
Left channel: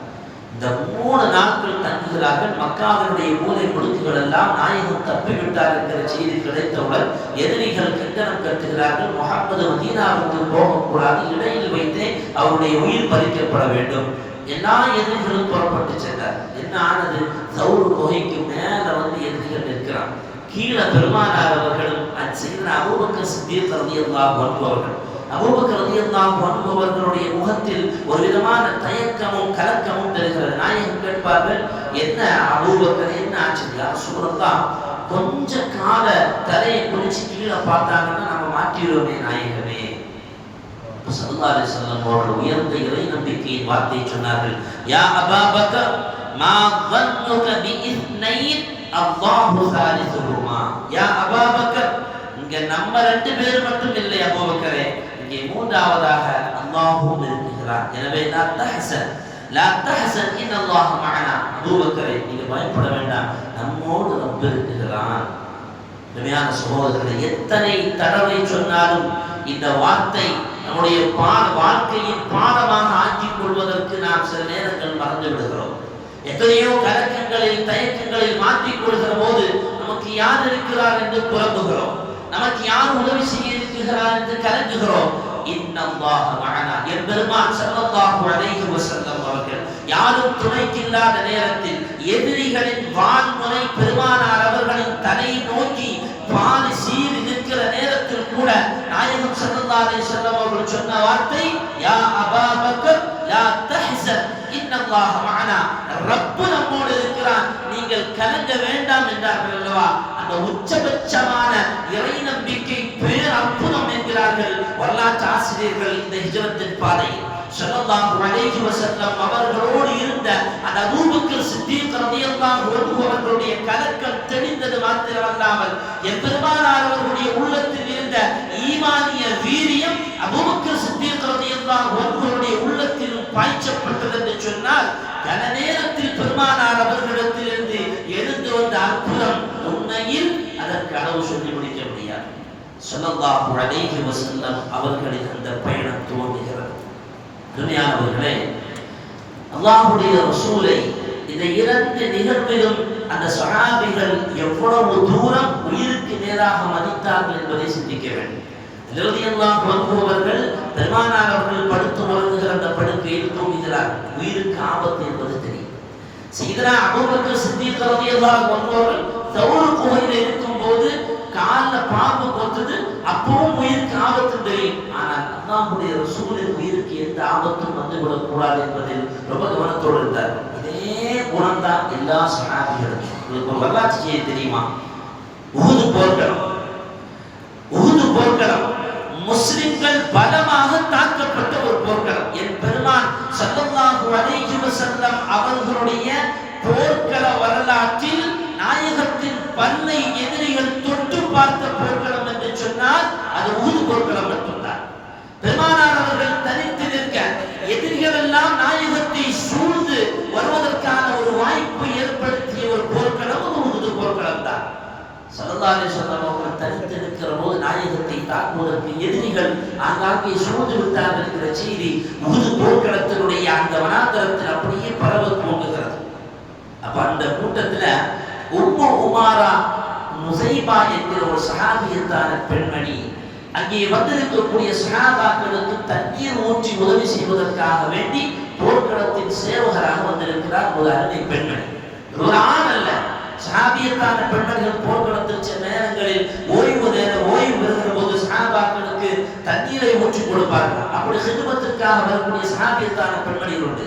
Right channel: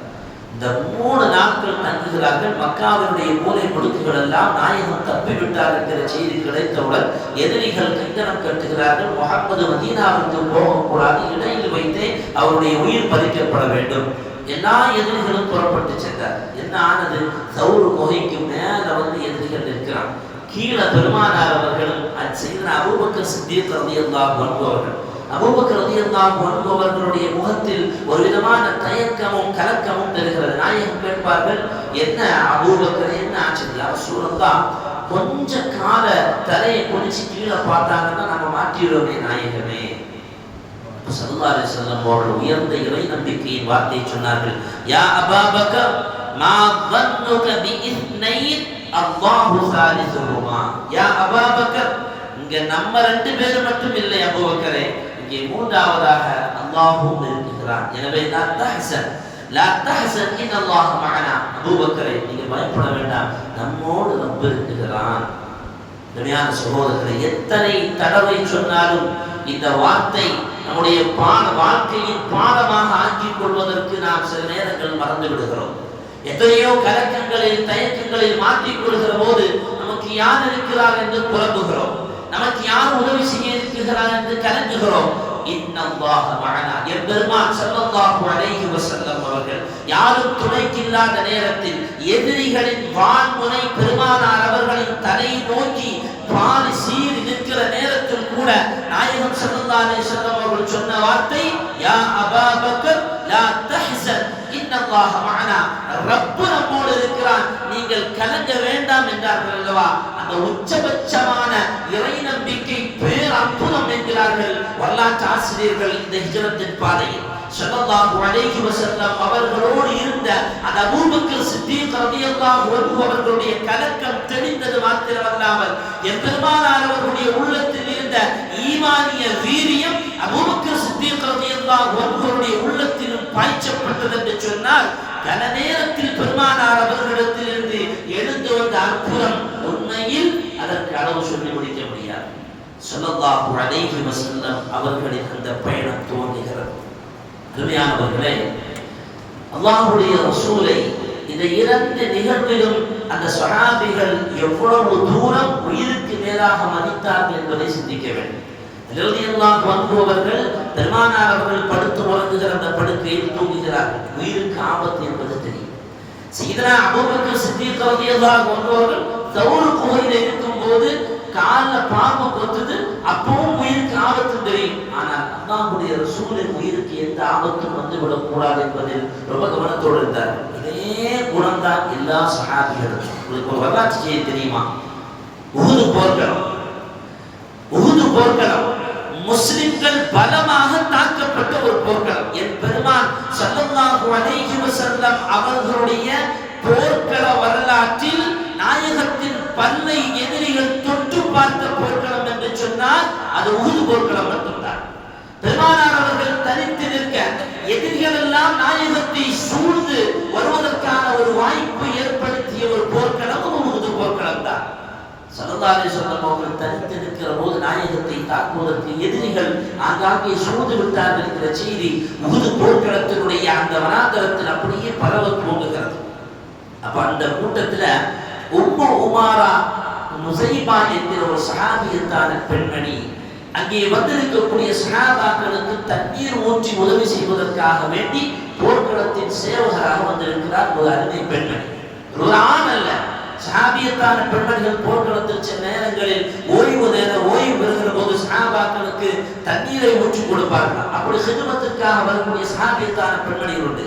இந்த 3 நாட்கள் தங்குகிறார்கள். மக்காவினுடைய மூலை முடுக்குகள் எல்லாம் நாயகம் தப்பிவிட்டார் என்கிற செய்தி கிடைத்தவுடன் எதிரிகள் கங்கணம் கட்டுகிறார்கள். முஹம்மது மதீனாவுக்கு போகக்கூடாது, இடையில் வைத்தே அவருடைய உயிர் பறிக்கப்பட வேண்டும். எல்லா எதிரிகளும் புறப்பட்டு சென்றார். என்ன ஆனது? சௌர் குகைக்கு மேல வந்து எதிரிகள் நிற்கிறார். கீழே பெருமானார் அவர்களும் சையதுனா அபூபக்கர் சித்திக் ரலியல்லாஹு அன்ஹு அவர்கள் அபூபக்கர் ரலியல்லாஹு அன்ஹு அவர்களுடைய முகத்தில் ஒரு விதமான தயக்கமும் கலக்கமும் தெரிகிறது. நாயகம் கேட்பார்கள், என்ன அபூபக்கர், என்ன ஆச்சு? யா ரசூலல்லாஹ், கொஞ்ச கால தலையை குளிச்சு கீழே பார்த்தாங்கன்னா நம்ம மாற்றிடுவோமே நாயகமே. ஸல்லல்லாஹு அலைஹி வஸல்லம் அவர்கள் உயர்ந்த இறை நம்பிக்கையின் வார்த்தையை சொன்னார்கள். யா அபூபக்கர், மா ظنك باثنين الله ثالثهما. யா அபூபக்கர், இங்க நம்ம ரெண்டு பேர் மட்டும் இல்லை அபூபக்கரே, இங்கே மூன்றாவதாக அல்லாஹ்வும் இருக்கிறான். எனவே லா தஹ்சன் இன்னல்லாஹ மஅனா. அபூபக்கரே, நீங்க பயப்பட வேண்டாம், நம்மோடு ரப் இருக்கிறான். உண்மையான சகோதரர்களே, எத்தனை தடவை சொன்னாலும் இந்த வார்த்தை நம்முடைய வாழ்க்கையின் பாடமாக ஆக்கிக் கொள்வதற்கு நாம் சில நேரங்கள் மறந்து விடுகிறோம். எத்தனையோ கலக்கங்களில் தயக்கங்களில் மாற்றிக் கொள்கிற போது நமக்கு யார் இருக்கிறார் என்று புலம்புகிறோம், நமக்கு யார் உதவி செய்ய இருக்கிறார் என்று கலங்குகிறோம். இன்னல்லாஹ மஅனா, எம்பெருமான் ஸல்லல்லாஹு அலைஹி வஸல்லம் அவர்கள் யாரும் துணைக்கு இல்லாத நேரத்தில் எதிரிகளின் வான்முனை பெருமானார் அவர்களின் தலையை நோக்கி பாதி சீறி நிற்கிற நேரத்தில் கூட நாயகம் ஸல்லல்லாஹு அலைஹி வஸல்லம் அவர்கள் சொன்ன வார்த்தை, யா அபூபக்கர் லா தஹ்சன் இன்னல்லாஹ மஅனா. ரப் நம்மோடு இருக்கிறான், நீங்கள் கலங்க வேண்டாம் என்றார்கள் அல்லவா. அந்த உச்சபட்சமான இறை நம்பிக்கை பேர் அற்புதம் என்கிறார்கள் வரலாற்று ஆசிரியர்கள். இந்த ஹிஜ்ரத்தின் பாதையில் ஸல்லல்லாஹு அலைஹி வஸல்லம் அவர்களோடு இருந்த அந்த அபூபக்கர் சித்தீக் ரலியல்லாஹு அன்ஹு அவர்களுடைய கலக்கம் தெளிந்தது மாத்திரமல்லாமல் எம்பெருமானார் அவர்களுடைய உள்ளத்தில் இருந்த ஈமானிய வீரியம் அபூபக்கர் சித்தீக் ரலியல்லாஹு அன்ஹுடைய உள்ளத்திலும் பாய்ச்சப்பட்டது என்று சொன்னால், கன நேரத்தில் பெருமானார் அவர்களிடத்தில் இருந்து எழுந்து வந்த அற்புதம் உண்மையில் அதற்கு அளவு சொல்லி முடிக்க முடியாது. ஸல்லல்லாஹு அலைஹி வஸல்லம் அவர்களின் அந்த பயணம் துவங்குகிறது. அருமையானவர்களே, அல்லாஹ்வுடைய ரசூலை இந்த இரண்டு நிகழ்விலும் அந்த சஹாபிகள் எவ்வளவு தூரம் உயிருக்கு மேலாக மதித்தார்கள் என்பதை சிந்திக்க வேண்டும். ரலியல்லாஹு அன்ஹு அவர்கள் பெருமானார் அவர்கள் படுத்து உறங்குகிற அந்த படுக்கையில் தூங்குகிறார்கள். உயிருக்கு ஆபத்து என்பது தெரியும். சையதுனா அபூபக்கர் சித்தீக் ரலியல்லாஹு அன்ஹு அவர்கள் தௌர் குகையில் இருக்கும்போது காலில் பாம்பு கொத்துது, அப்பவும் உயிருக்கு ஆபத்து தெரியும். ஆனால் அல்லாஹ்வுடைய ரசூலின் உயிருக்கு எந்த ஆபத்தும் வந்துவிடக் கூடாது என்பதில் ரொம்ப கவனத்தோடு இருந்தார். இதே குணம்தான் எல்லா சஹாபிகளும். உங்களுக்கு ஒரு வரலாற்று செய்தி தெரியுமா? உஹுது போர்க்களம் முஸ்லிம்கள் பலமாக தாக்கப்பட்ட ஒரு போர்க்களம். என் பெருமான் ஸல்லல்லாஹு அலைஹி வஸல்லம் அவர்களுடைய போர்க்கள வரலாற்றில் நாயகத்தின் பல்லை எதிரிகள் தொட்டு பார்த்த போர்க்களம் என்று சொன்னால் அது உஹுது போர்க்களம் மட்டும்தான். பெருமானார் அவர்கள் தனித்து நிற்க எதிரிகள் எல்லாம் நாயகத்தை சூழ்ந்து வருவதற்கான ஒரு வாய்ப்பு ஏற்படுத்திய ஒரு போர்க்களம் உஹுது போர்க்களம் தான். ஸல்லல்லாஹு அலைஹி வஸல்லம் அவர்கள் தனித்து நிற்கிற போது நாயகத்தை தாக்குவதற்கு எதிரிகள் ஆங்காங்கே சூழ்ந்து விட்டார்கள் என்கிற செய்தி உஹுது போர்க்களத்தினுடைய அந்த வனாந்தரத்தில் அப்படியே பரவ துவங்குகிறது. அப்ப அந்த கூட்டத்துல உம்மு உமாரா முஸைபா என்கிற ஒரு சஹாபியத்தான பெண்மணி அங்கே வந்திருக்கக்கூடிய சஹாபாக்களுக்கு தண்ணீர் ஊற்றி உதவி செய்வதற்காக வேண்டி போர்க்களத்தின் சேவகராக வந்திருக்கிறார் ஒரு அருமை பெண்மணி. ஒரு ஆண் அல்ல, சஹாபியத்தான பெண்மணிகள் போர்க்களத்தில் சில நேரங்களில் ஓய்வு பெறுகிற போது சஹாபாக்களுக்கு தண்ணீரை ஊற்றி கொடுப்பார்கள். அப்படி ஹிதுமத்திற்காக வரக்கூடிய சஹாபியத்தான பெண்மணிகள் உண்டு.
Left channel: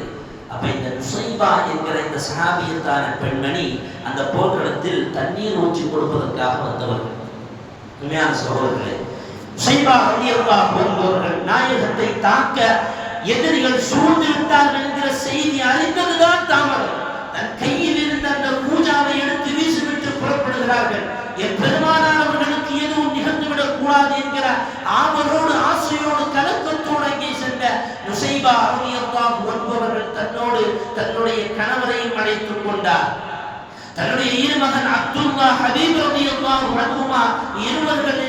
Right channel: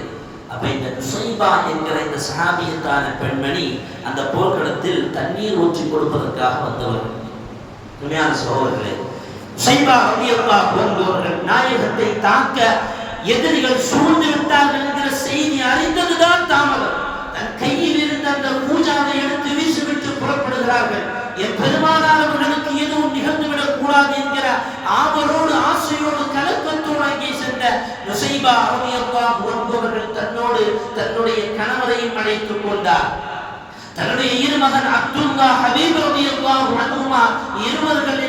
அப்ப இந்த முஸைபா என்கிற இந்த சஹாபியத்தான பெண்மணி அந்த போர்க்களத்தில் தண்ணீர் ஊற்றி கொடுப்பதற்காக வந்தவர். உண்மையான சகோதரர்களே, முஸைபா ரலியல்லாஹு அன்ஹு அவர்கள் நாயகத்தை தாக்க எதிரிகள் சூழ்ந்து விட்டார்கள் என்கிற செய்தி அறிந்ததுதான் தாமதம். தன் கையில் இருந்த அந்த பூஜாவை எடுத்து வீசிவிட்டு புறப்படுகிறார்கள். என் பெருமானார் அவர்களுக்கு எதுவும் நிகழ்ந்துவிடக் கூடாது என்கிற ஆவலோடு ஆசையோடு கலக்கத்தோடு அங்கே சென்ற முஸைபா ரலியல்லாஹு அன்ஹு அவர்கள் தன்னோடு தன்னுடைய கணவரையும் அழைத்துக் கொண்டார். தன்னுடைய இருமகன் அப்துல்லா ஹபீப் ரலியல்லாஹு அன்ஹுமா இருவர்கள்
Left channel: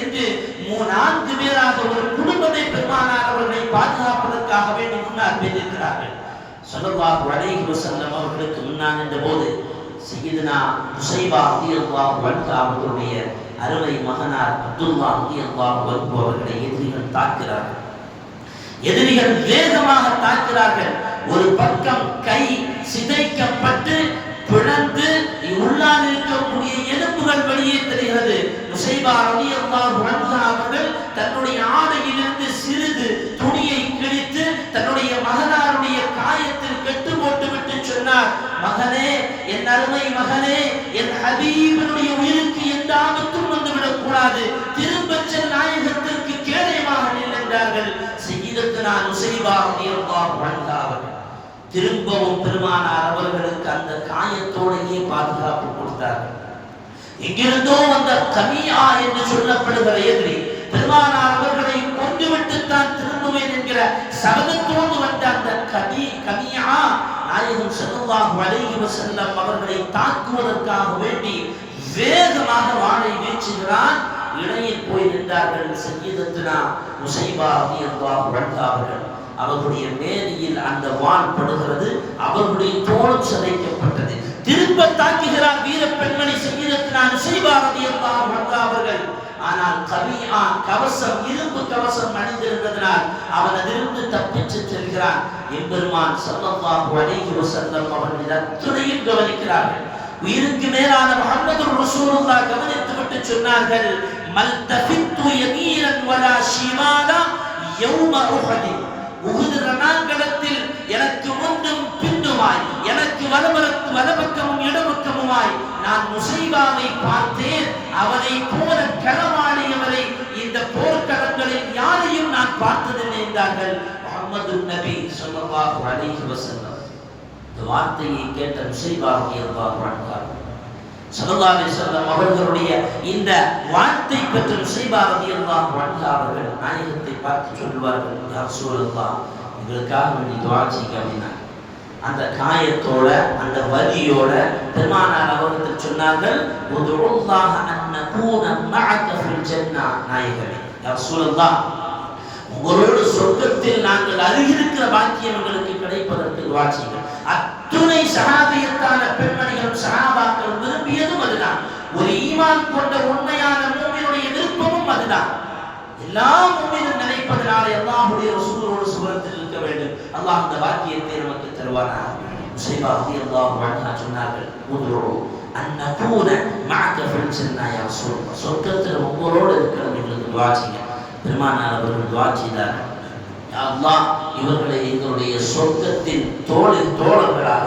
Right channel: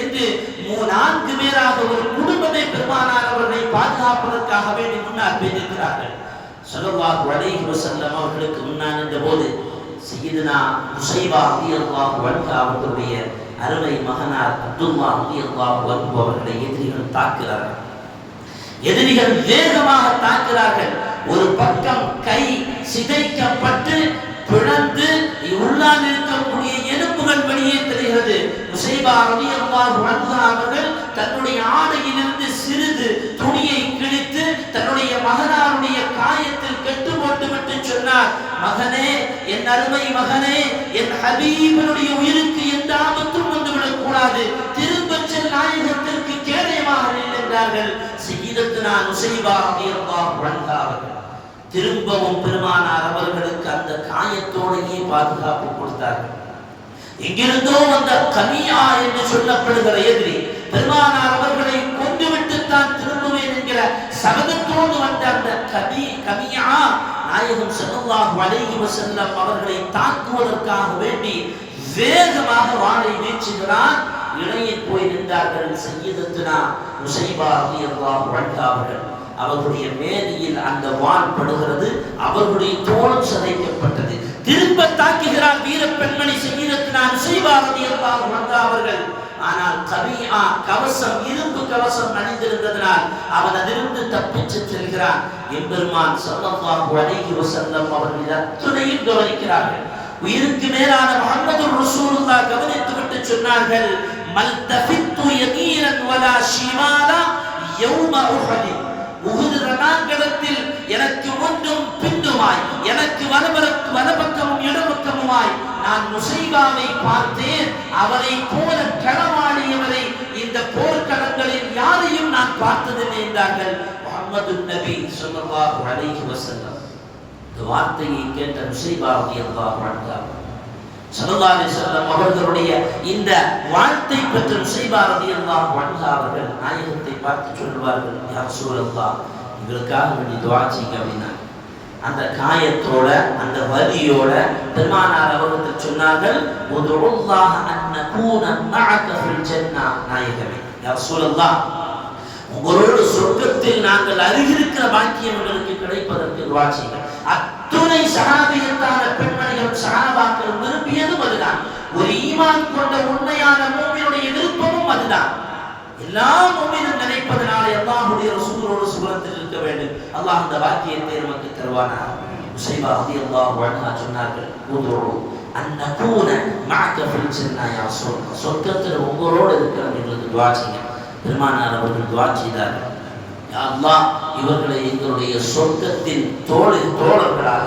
என்று 4 பேராக ஒரு குடும்பமே பெருமானார் அவர்களை பாதுகாப்பதற்காக வேண்டி முன்னால் பேசியிருக்கிறார்கள். ஸல்லல்லாஹு அலைஹி வஸல்லம் அவர்களுக்கு முன்னால் நின்ற போது சையதுனா முஸைபா ரலியல்லாஹு அன்ஹு அவர்களுடைய அருமை மகனார் அப்துல்லா ரலியல்லாஹு அன்ஹு அவர்களை எதிரிகள் தாக்குகிறார்கள். எதிரிகள் வேகமாக தாக்குகிறார்கள். ஒரு பக்கம் கை சிதைக்கப்பட்டு பிளந்து உள்ளால் இருக்கக்கூடிய எலும்புகள் வெளியே தெரிகிறது. நுசைபா ரலியல்லாஹு அன்ஹா அவர்கள் தன்னுடைய ஆடையிலிருந்து சிறிது துணியை கிழித்து தன்னுடைய மகனாருடைய காயத்தில் கெட்டு போட்டுவிட்டு சொன்னார், மகனே, என் அருமை மகனே, என் ஹபீபினுடைய உயிருக்கு எந்த ஆபத்தும் வந்துவிடக் கூடாது, திரும்பச் செல், நாயகத்திற்கு கேடயமாக நின்றார்கள். சய்யிதத்துனா நுசைபா ரலியல்லாஹு அன்ஹா அவர்கள் திரும்பவும் பெருமானார் அவர்களுக்கு அந்த காயத்தோடையே பாதுகாப்பு கொடுத்தார்கள். எங்கிருந்தோ வந்த கமியா என்று சொல்லப்படுகிற எதிரி பெருமானார் அவர்களை கொண்டுவிட்டு தான் திரும்புவேன் என்கிற சபதத்தோடு வந்த அந்த கமியா நாயகம் ஸல்லல்லாஹு அலைஹி வஸல்லம் அவர்களை தாக்குவதற்காக வேண்டி வேகமாக வாளை வீசுகிறான். இடையே போய் நின்றார்கள் சய்யிதத்துனா நுசைபா ரலியல்லாஹு அன்ஹா அவர்கள். அவர்களுடைய மேனியில் அந்த வாள் படுகிறது, அவர்களுடைய தோளும் சிதைக்கப்பட்டது. திரும்ப தாக்குகிறார் வீர பெண்மணி சய்யிதத்துனா நுசைபா ரலியல்லாஹு அன்ஹா அவர்கள். ஆனால் கமியா கவசம், இரும்பு கவசம் அணிந்திருந்ததனால் அவன் அதிலிருந்து தப்பிச்சு செல்கிறான். எம்பெருமான் ஸல்லல்லாஹு அலைஹி வஸல்லம் அவர்கள் அத்துணையும் கவனிக்கிறார்கள். உயிருக்கு மேலான முஹம்மது ரசூலுல்லாஹ் கவனித்துவிட்டு சொன்னார்கள், மல்தஃபித்து யமீனன் வலா ஷிமாலா யௌம உஹத். உஹது ரணாங்கணத்தில் எனக்கு முன்னும் பின்னுமாய், எனக்கு வலப்பக்கமும் இடப்பக்கமுமாய் நான் நுசைபாவை பார்த்தேன். அவரை போல களமாடியவரை இந்த போர்க்களங்களில் யாரையும் நான் பார்த்ததில்லை என்றார்கள் முஹம்மது நபி ஸல்லல்லாஹு அலைஹி வஸல்லம். இந்த வார்த்தையை கேட்ட நுசைபா ரலியல்லாஹு அன்ஹா ஸல்லல்லாஹு அலைஹி வஸல்லம் அவர்களுடைய இந்த வார்த்தை பெற்ற நுசைபா ரலியல்லாஹு அன்ஹா அவர்கள் நாயகத்தை பார்த்து சொல்வார்கள், யா ரசூலல்லாஹ், எங்களுக்காக வேண்டி துஆ செய்யுங்க அப்படின்னா. அந்த காயத்தோட அந்த வலியோட பெருமானார் அவர்கள் சொன்னார்கள், உதுல்லாஹ அன் நகூன மஅக ஃபில் ஜன்னah. நாயகமே, யா ரசூலல்லாஹ், உங்களோடு சொர்க்கத்தில் நாங்கள் அருகிருக்கிற பாக்கியம் எங்களுக்கு கிடைப்பதற்கு துஆ செய்யுங்க. அத்துணை சஹாபியத்தான பெண்மணிகளும் சஹாபாக்கள் விரும்பியதும் அதுதான். ஒரு ஈமான் கொண்ட உண்மையான மூமினுடைய விருப்பமும் அதுதான். எல்லா மூமினும் நினைப்பதனாலே அல்லாஹ்வுடைய ரசூலோடு சுவனத்தில் இருக்க வேண்டும். அல்லாஹ் அந்த வாக்கியத்தை நமக்கு தருவானாக. நுசைபா ரலியல்லாஹு அன்ஹா சொன்னார்கள், உதுரு அன் நகூன மஅக ஃபில் ஜன்னah யா ரசூலல்லாஹ், சொர்க்கத்தில் உங்களோடு இருக்கிறது எங்களுக்கு துஆ செய்யுங்க. பெருமானார் அவர்கள் துஆ செய்தார்கள், யா அல்லாஹ், இவர்களை எங்களுடைய சொர்க்கத்தின் தோழர்களாக,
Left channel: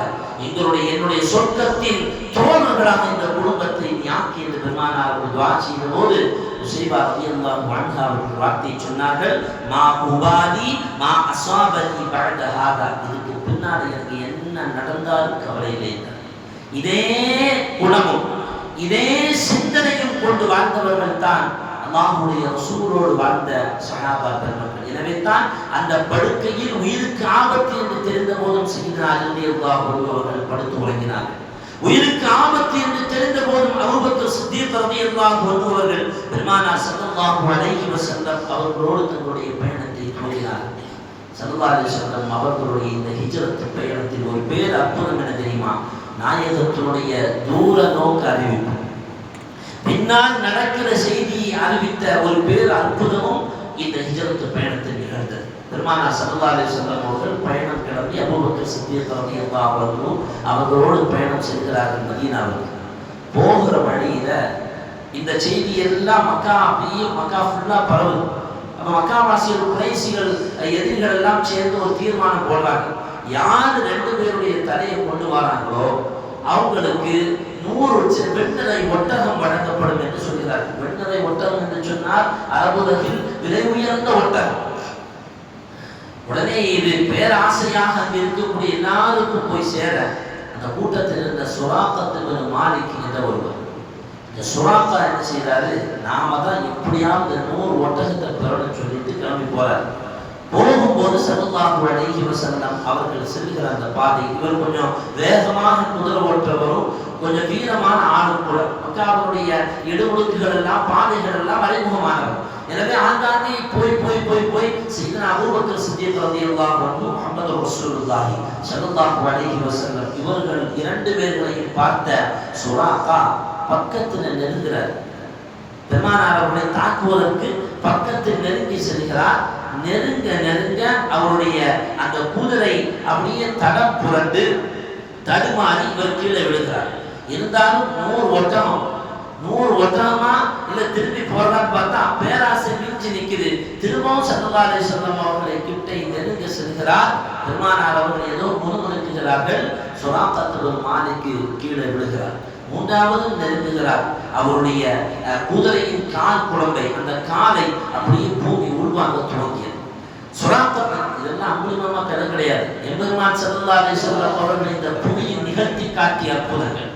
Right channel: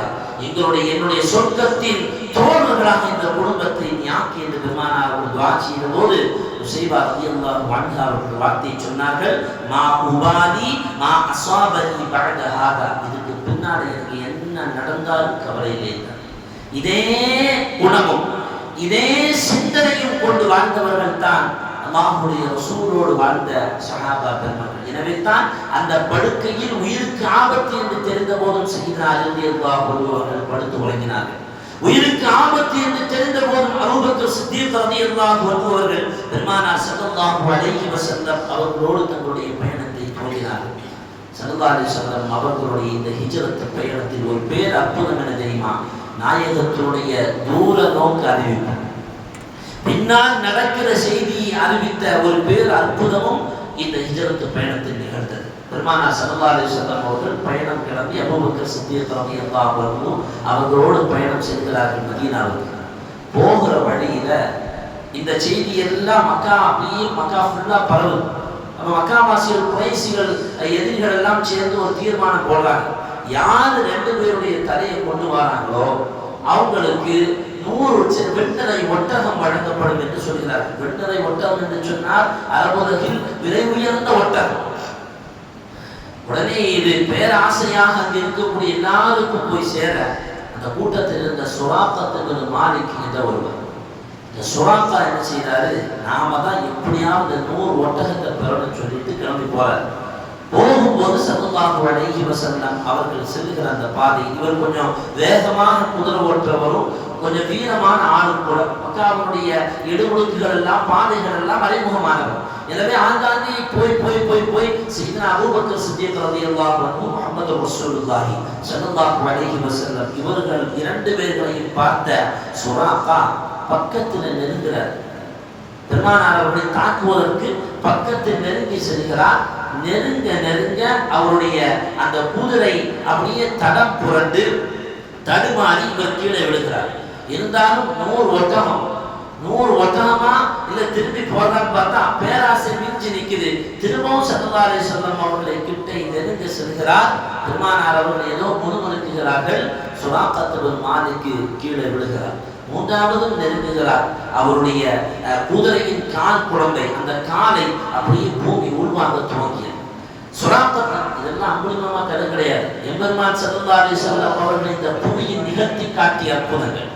என்னுடைய சொர்க்கத்தின் தோழர்களாக இந்த குடும்பத்தை நீ ஆக்கி என்று பெருமானார் அவர்கள் துஆ செய்த போது நுசைபா ரலியல்லாஹு அன்ஹா அவர்கள் வார்த்தை சொன்னார்கள், மா உபாதி மா அஸாபனி பஅத ஹாதா. இதுக்கு பின்னாடி எனக்கு என்ன நடந்தாலும் கவலை இல்லை. இதே குணமும் இதே சிந்தனையும் கொண்டு வாழ்ந்தவர்கள் தான் அல்லாஹ்வுடைய ரசூலோடு வாழ்ந்த சஹாபா பெருமக்கள். எனவே தான் அந்த படுக்கையில் உயிருக்கு ஆபத்து என்று தெரிந்த போதும் சய்யிதனா அலி ரலியல்லாஹு அன்ஹு அவர்கள் படுத்து உறங்கினார்கள். உயிருக்கு ஆபத்து என்று தெரிந்த போதும் அபூபக்கர் சித்தீக் ரலியல்லாஹு அன்ஹு அவர்கள் பெருமானார் ஸல்லல்லாஹு அலைஹி வஸல்லம் அவர்களோடு தங்களுடைய பயணத்தை தொடங்கினார்கள். ஸல்லல்லாஹு அலைஹி வஸல்லம் அவர்களுடைய இந்த ஹிஜ்ரத் பயணத்தில் ஒரு பேர் அற்புதம் என்ன தெரியுமா? நாயகத்தினுடைய தூர நோக்கு அறிவிப்பு, பின்னால் நடக்கிற செய்தியை அறிவித்த ஒரு பேர் அற்புதமும் இந்த ஹிஜ்ரத் பயணத்தில் நிகழ்ந்தது. பெருமானார் ஸல்லல்லாஹு அலைஹி வஸல்லம் அவர்கள் பயணம் கிளம்பி அபூபக்கர் சித்தீக் ரலியல்லாஹு அன்ஹு அவர்களோடு பயணம் செய்கிறார்கள் மதீனாவுக்கு. போகிற வழியில இந்த செய்தி எல்லாம் மக்கா ஃபுல்லா பரவுது. அப்ப மக்கா வாசிகள், குறைஷிகள், எதிரிகள் எல்லாம் சேர்ந்து ஒரு தீர்மானம் போடுறாங்க, யார் 2 பேருடைய தலையை கொண்டு வராங்களோ அவங்களுக்கு 100 வெண்ணரை ஒட்டகம் வழங்கப்படும் என்று சொல்கிறார்கள். வெண்ணரை ஒட்டகம் என்று சொன்னால் அரபுலகில் விலை உயர்ந்த ஒட்டகம். உடனே இது பேராசையாக அங்கு இருக்கக்கூடிய எல்லாருக்கும் போய் சேர அந்த கூட்டத்தில் இருந்த சுராக்கத்துக்கு மாலிக் என்ற ஒருவர், இந்த சுராக்கா என்ன செய்தாரு, நாம தான் எப்படியாவது 100 ஒட்டகத்தை பெறணும்னு சொல்லிட்டு கிளம்பி போறாரு. போகும்போது ஸல்லல்லாஹு அலைஹி வஸல்லம் அவர்கள் செல்கிற அந்த பாதை, இவர் கொஞ்சம் வேகமாக குதிரை ஓட்டுறவரும் கொஞ்சம் வீரமான ஆளும் கூட. மக்காவுடைய இடுமுடுக்குகள் எல்லாம் பாதைகள் எல்லாம் அறிமுகமானவர். எனவே ஆங்காங்கே போய் சையதுனா அபூபக்கர் சித்தீக் ரலியல்லாஹு அன்ஹு முஹம்மது ரசூலுல்லாஹி ஸல்லல்லாஹு அலைஹி வஸல்லம் இவர்கள் 2 பேர்களையும் பார்த்த சுராக்கா பக்கத்தில் நெருங்குகிறார். பெருமானார் அவர்களை தாக்குவதற்கு பக்கத்தில் நெருங்கி செல்கிறார். நெருங்க அவருடைய அந்த குதிரை அப்படியே தடம் புரண்டு தடுமாறி இவர் கீழே விழுகிறார். இருந்தாலும் 100 ஒட்டகம் 100 ஒட்டகமா இல்ல திரும்பி போறதான்னு பார்த்தா பேராசை மிஞ்சி நிக்குது. திரும்பவும் ஸல்லல்லாஹு அலைஹி வஸல்லம் அவர்களை கிட்ட நெருங்க செல்கிறார். பெருமானார் அவர்கள் ஏதோ முணுமுணுக்குகிறார்கள். சுராக்கத் பின் மாலிக் கீழே விழுகிறார். 3வது நெருங்குகிறார். அவருடைய குதிரையின் கால் குழம்பை, அந்த காலை அப்படியே பூமி உள்வாங்க துவங்கியது. சுராக்கத் இதெல்லாம் அம்புலிமமா கதை கிடையாது. எம்பெருமான் ஸல்லல்லாஹு அலைஹி வஸல்லம் அவர்கள் இந்த பூமியின் நிகழ்த்தி காட்டிய அற்புதங்கள்.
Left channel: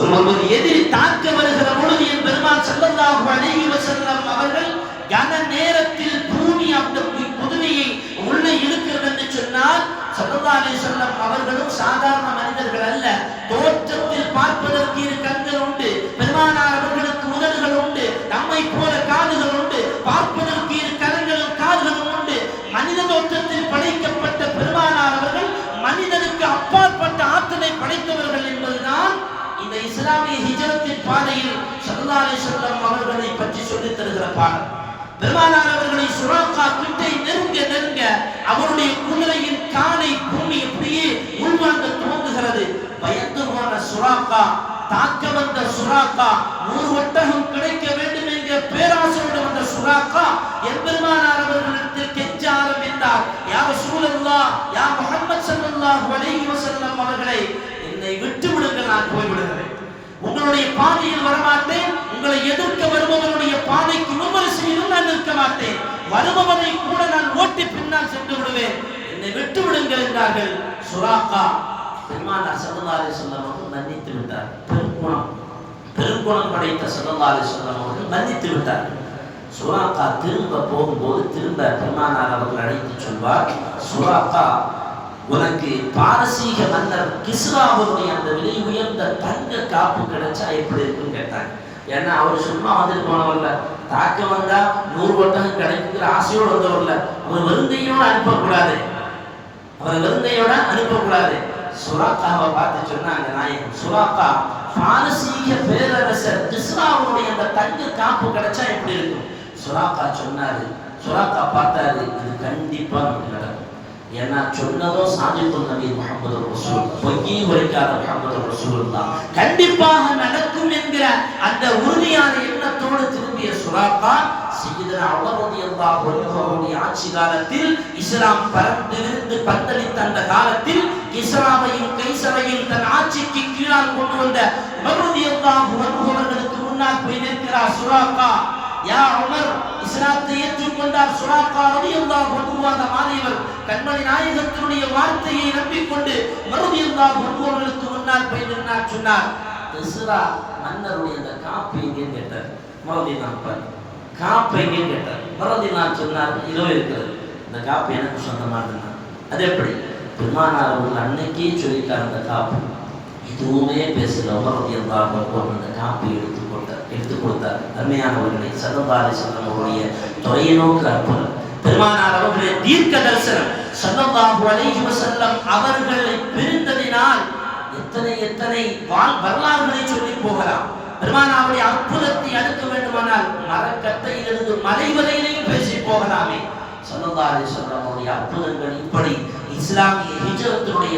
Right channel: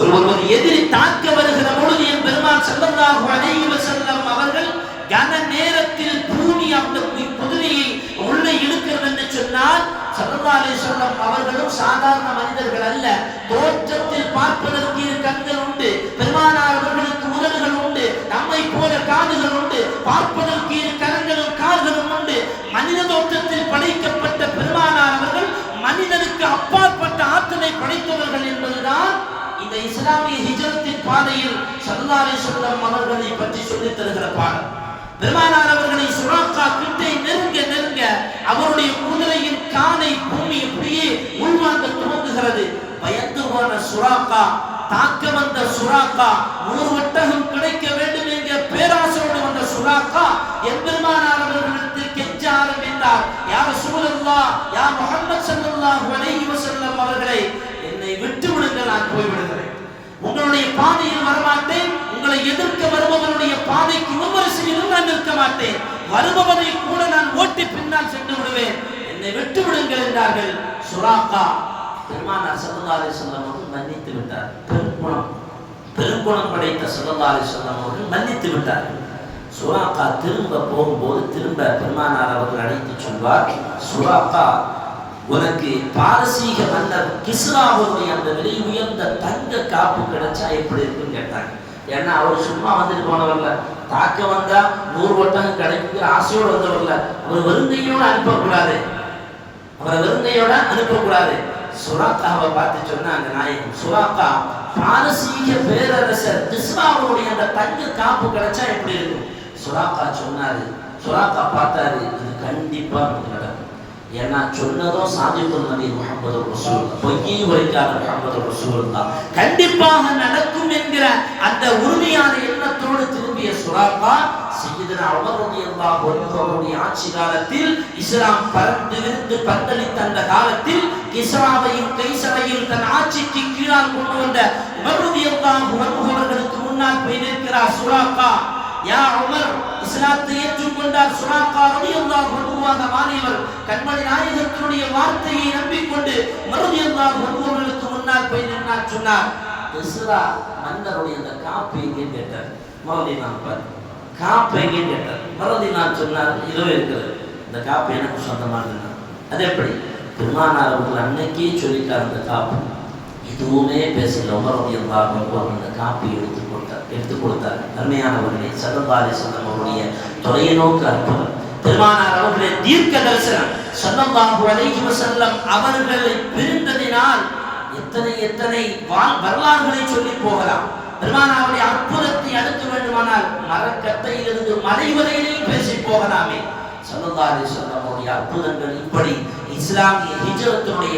ஒரு எதிரி தாக்க வருகிற பொழுது எம்பெருமான் ஸல்லல்லாஹு அலைஹி வஸல்லம் அவர்கள் கன நேரத்தில் பூமி அந்த குதிரையை உள்ளே இழுக்கிறது என்று சொன்னால் ஸல்லல்லாஹு அலைஹி வஸல்லம் அவர்களும் சாதாரண மனிதர்கள் அல்ல. தோற்றத்தில் பார்ப்பதற்கு இரு கண்கள் உண்டு, பெருமானார் அவர்களுக்கு உதடுகள் உண்டு, நம்மை போல காதுகள் உண்டு, பார்ப்பதற்கு இரு கரங்களும் கால்களும் உண்டு. மனித தோற்றத்தில் படைக்கப்பட்ட பெருமானார் அவர்கள் மனிதனுக்கு அப்பாற்பட்ட ஆற்றலை படைத்தவர்கள் என்பதுதான் இந்த இஸ்லாமிய ஹிஜ்ரத்தின் பாதையில் ஸல்லல்லாஹு அலைஹி வஸல்லம் அவர்களை பற்றி சொல்லித் தருகிற பாடம். பெருமானார் அவர்களை சுராக்கா கிட்டே நெருங்க அவருடைய குதிரையின் காலை பூமி அப்படியே உள்வாங்க துவங்குகிறது. பயந்து போன சுராக்கா, தாக்க வந்த சுராக்கா, 100 ஒட்டகம் கிடைக்க வேண்டும் என்ற பேராசையோடு வந்த சுராக்கா எம்பெருமானார் அவர்களிடத்தில் கெஞ்ச ஆரம்பித்தார். யா ரசூலல்லாஹ், யா முஹம்மது ஸல்லல்லாஹு அலைஹி வஸல்லம் அவர்களே, என்னை விட்டு விடுங்கள், நான் போய் விடுகிறேன். உங்களுடைய பாதையில் வரமாட்டேன். உங்களை எதிர்க்க வருபவருடைய பாதைக்கு விமர்சையிலும் நான் நிற்க மாட்டேன். வருபவரை கூட நான் ஓட்டி பின்னால் சென்று விடுவேன். என்னை விட்டு விடுங்கள் என்றார்கள். சுராக்கா பெருமானார் ஸல்லல்லாஹு அலைஹி வஸல்லம் அவர்கள் மன்னித்து விட்டார். பெருங்குணம் படைத்த ஸல்லல்லாஹு அலைஹி வஸல்லம் அவர்கள் மன்னித்து விட்டார். சுராக்கா திரும்ப போகும்போது திரும்ப பெருமானார் அவர்கள் அழைத்து சொல்வார், சுராக்கா, உனக்கு பாரசீக மன்னர் கிஸ்ராவுடைய அந்த விலை உயர்ந்த தங்க காப்பு கிடைச்சா எப்படி இருக்குன்னு கேட்டாங்க. ஏன்னா அவர் சும்மா வந்துட்டு போனவர்ல, தாக்க வந்தா 100 ஒட்டகம் கிடைக்கிற ஆசையோடு வந்தவர்ல, அவர் வெறுங்கையோட அனுப்பக்கூடாது, அவரை வெறுங்கையோட அனுப்பக்கூடாது. சுராக்காவை பார்த்து சொன்னாங்க நாயகம், சுராக்கா, பாரசீக பேரரசர் கிஸ்ராவுடைய அந்த தங்க காப்பு கிடைச்சா எப்படி இருக்கும்? சுராக்கா சொன்னாரு. சுராக்கா பார்த்தாரு, இது கண்டிப்பா நமக்கு நடக்கும். ஏன்னா சொன்னதும் சாதித்துல் நபி முஹம்மது ரசூல், பொய்யை உரைக்காத முஹம்மது ரசூலுல்லாஹ், கண்டிப்பாக நடக்கும் என்கிற அந்த உறுதியான எண்ணத்தோடு திரும்பிய சுராக்கா சய்யிதுனா உமர் ரலியல்லாஹு அன்ஹு அவருடைய ஆட்சி காலத்தில் இஸ்லாம் பரந்து விரிந்து பந்தளித்த அந்த காலத்தில் கிஸ்ராவையும் கைசரையும் தன் ஆட்சிக்கு கீழால் கொண்டு வந்த உமர் ரலியல்லாஹு அன்ஹு அவர்களுக்கு முன்னால் போய் நிற்கிறார் சுராக்கா. யா உமர், இஸ்லாத்தை ஏற்றுக்கொண்டார் சுராக்கா ரலியல்லாஹு அன்ஹு மாறியவர். கண்மணி நாயகத்தினுடைய வார்த்தையை நம்பிக்கொண்டு உமர் ரலியல்லாஹு அன்ஹு அவர்களுக்கு முன்னால் போய் நின்றார். சொன்னார், கிஸ்ரா மன்னருடைய அந்த காப்பு எங்கே கேட்டார். உமர் ரலியல்லாஹு காப்பு எங்கே கேட்டார். உமர் ரலியல்லாஹு சொன்னார், இதோ இருக்கிறது, இந்த காப்பு எனக்கு சொந்தமானது. அது எப்படி? பெருமானார் அவர்கள் அன்னைக்கே சொல்லிட்டார் அந்த காப்பு. எதுவுமே பேசல. உமர் ரலியல்லாஹு அன்ஹு அந்த காப்பை எடுத்து கொடுத்தார். அருமையானவர்களே, ஸல்லல்லாஹு அலைஹி வஸல்லம் அவருடைய தொலைநோக்கு அற்புதம், பெருமானார் அவர்களுடைய தீர்க்க தரிசனம், ஸல்லல்லாஹு அலைஹி வஸல்லம் அவர்களை பிரிந்ததினால் எத்தனை வரலாறுகளை சொல்லி போகலாம். பெருமானாருடைய அற்புதத்தை அடுக்க வேண்டுமானால் மரக்கட்டையிலிருந்து மலை வரையிலையும் பேசி போகலாமே. ஸல்லல்லாஹு அலைஹி வஸல்லம் அவருடைய அற்புதங்கள் இப்படி இஸ்லாமிய ஹிஜ்ரத்தினுடைய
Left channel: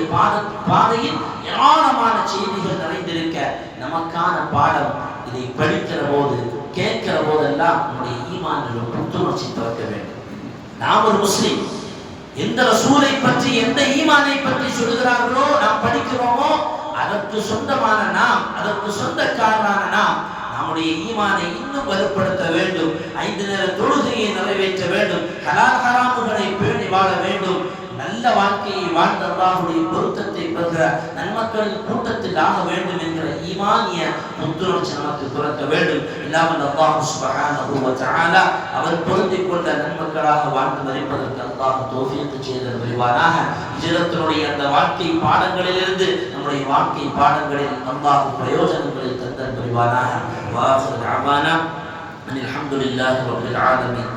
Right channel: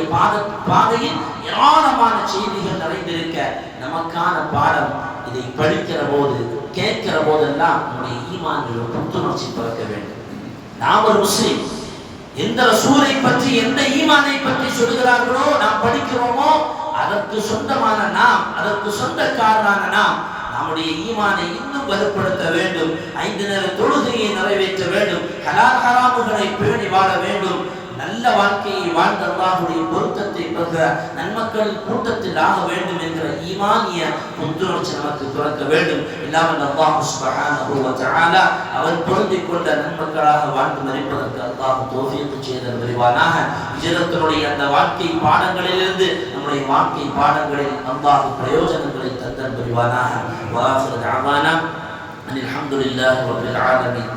பாதையில் ஏராளமான செய்திகள் நிறைந்திருக்க நமக்கான பாடம். இதை படிக்கிற போது, கேட்கிற போதெல்லாம் நம்முடைய ஈமானில் புத்துணர்ச்சி பிறக்க வேண்டும். நாம் ஒரு முஸ்லிம், எந்த ரசூலை பற்றி, எந்த ஈமானை பற்றி சொல்கிறார்களோ நாம் படிக்கிறோமோ அதற்கு சொந்தமான நாம், அதற்கு சொந்தக்காரரான நாம் நம்முடைய ஈமானை இன்னும் வலுப்படுத்த வேண்டும். 5 நேர தொழுகையை நிறைவேற்ற வேண்டும். ஹலால் ஹராமுகளை பேணி வாழ வேண்டும். நல்ல வாழ்க்கையை வாழ்ந்த அல்லாஹ்வுடைய பொருத்தத்தை பெறுகிற நன்மக்களின் கூட்டத்தில் ஆக வேண்டும் என்கிற ஈமானிய புத்துணர்ச்சி நமக்கு பிறக்க வேண்டும். இல்லாமல் அல்லாஹ் சுப்ஹானஹு வ தஆலா அவன் பொருந்திக் கொண்ட நன்மக்களாக வாழ்ந்து மரிப்பதற்கு அல்லாஹ் தௌஃபீக் செய்தல் புரிவானாக. ஹிஜ்ரத்தினுடைய அந்த வாழ்க்கை பாடங்களிலிருந்து நம்முடைய வாழ்க்கை பாடங்களில் அல்லாஹ் பிரயோஜனங்களை தந்தல் புரிவானாக. வ ஆகிரு தஅவானா அனில் ஹம்துலில்லாஹி ரப்பில் ஆலமீன்.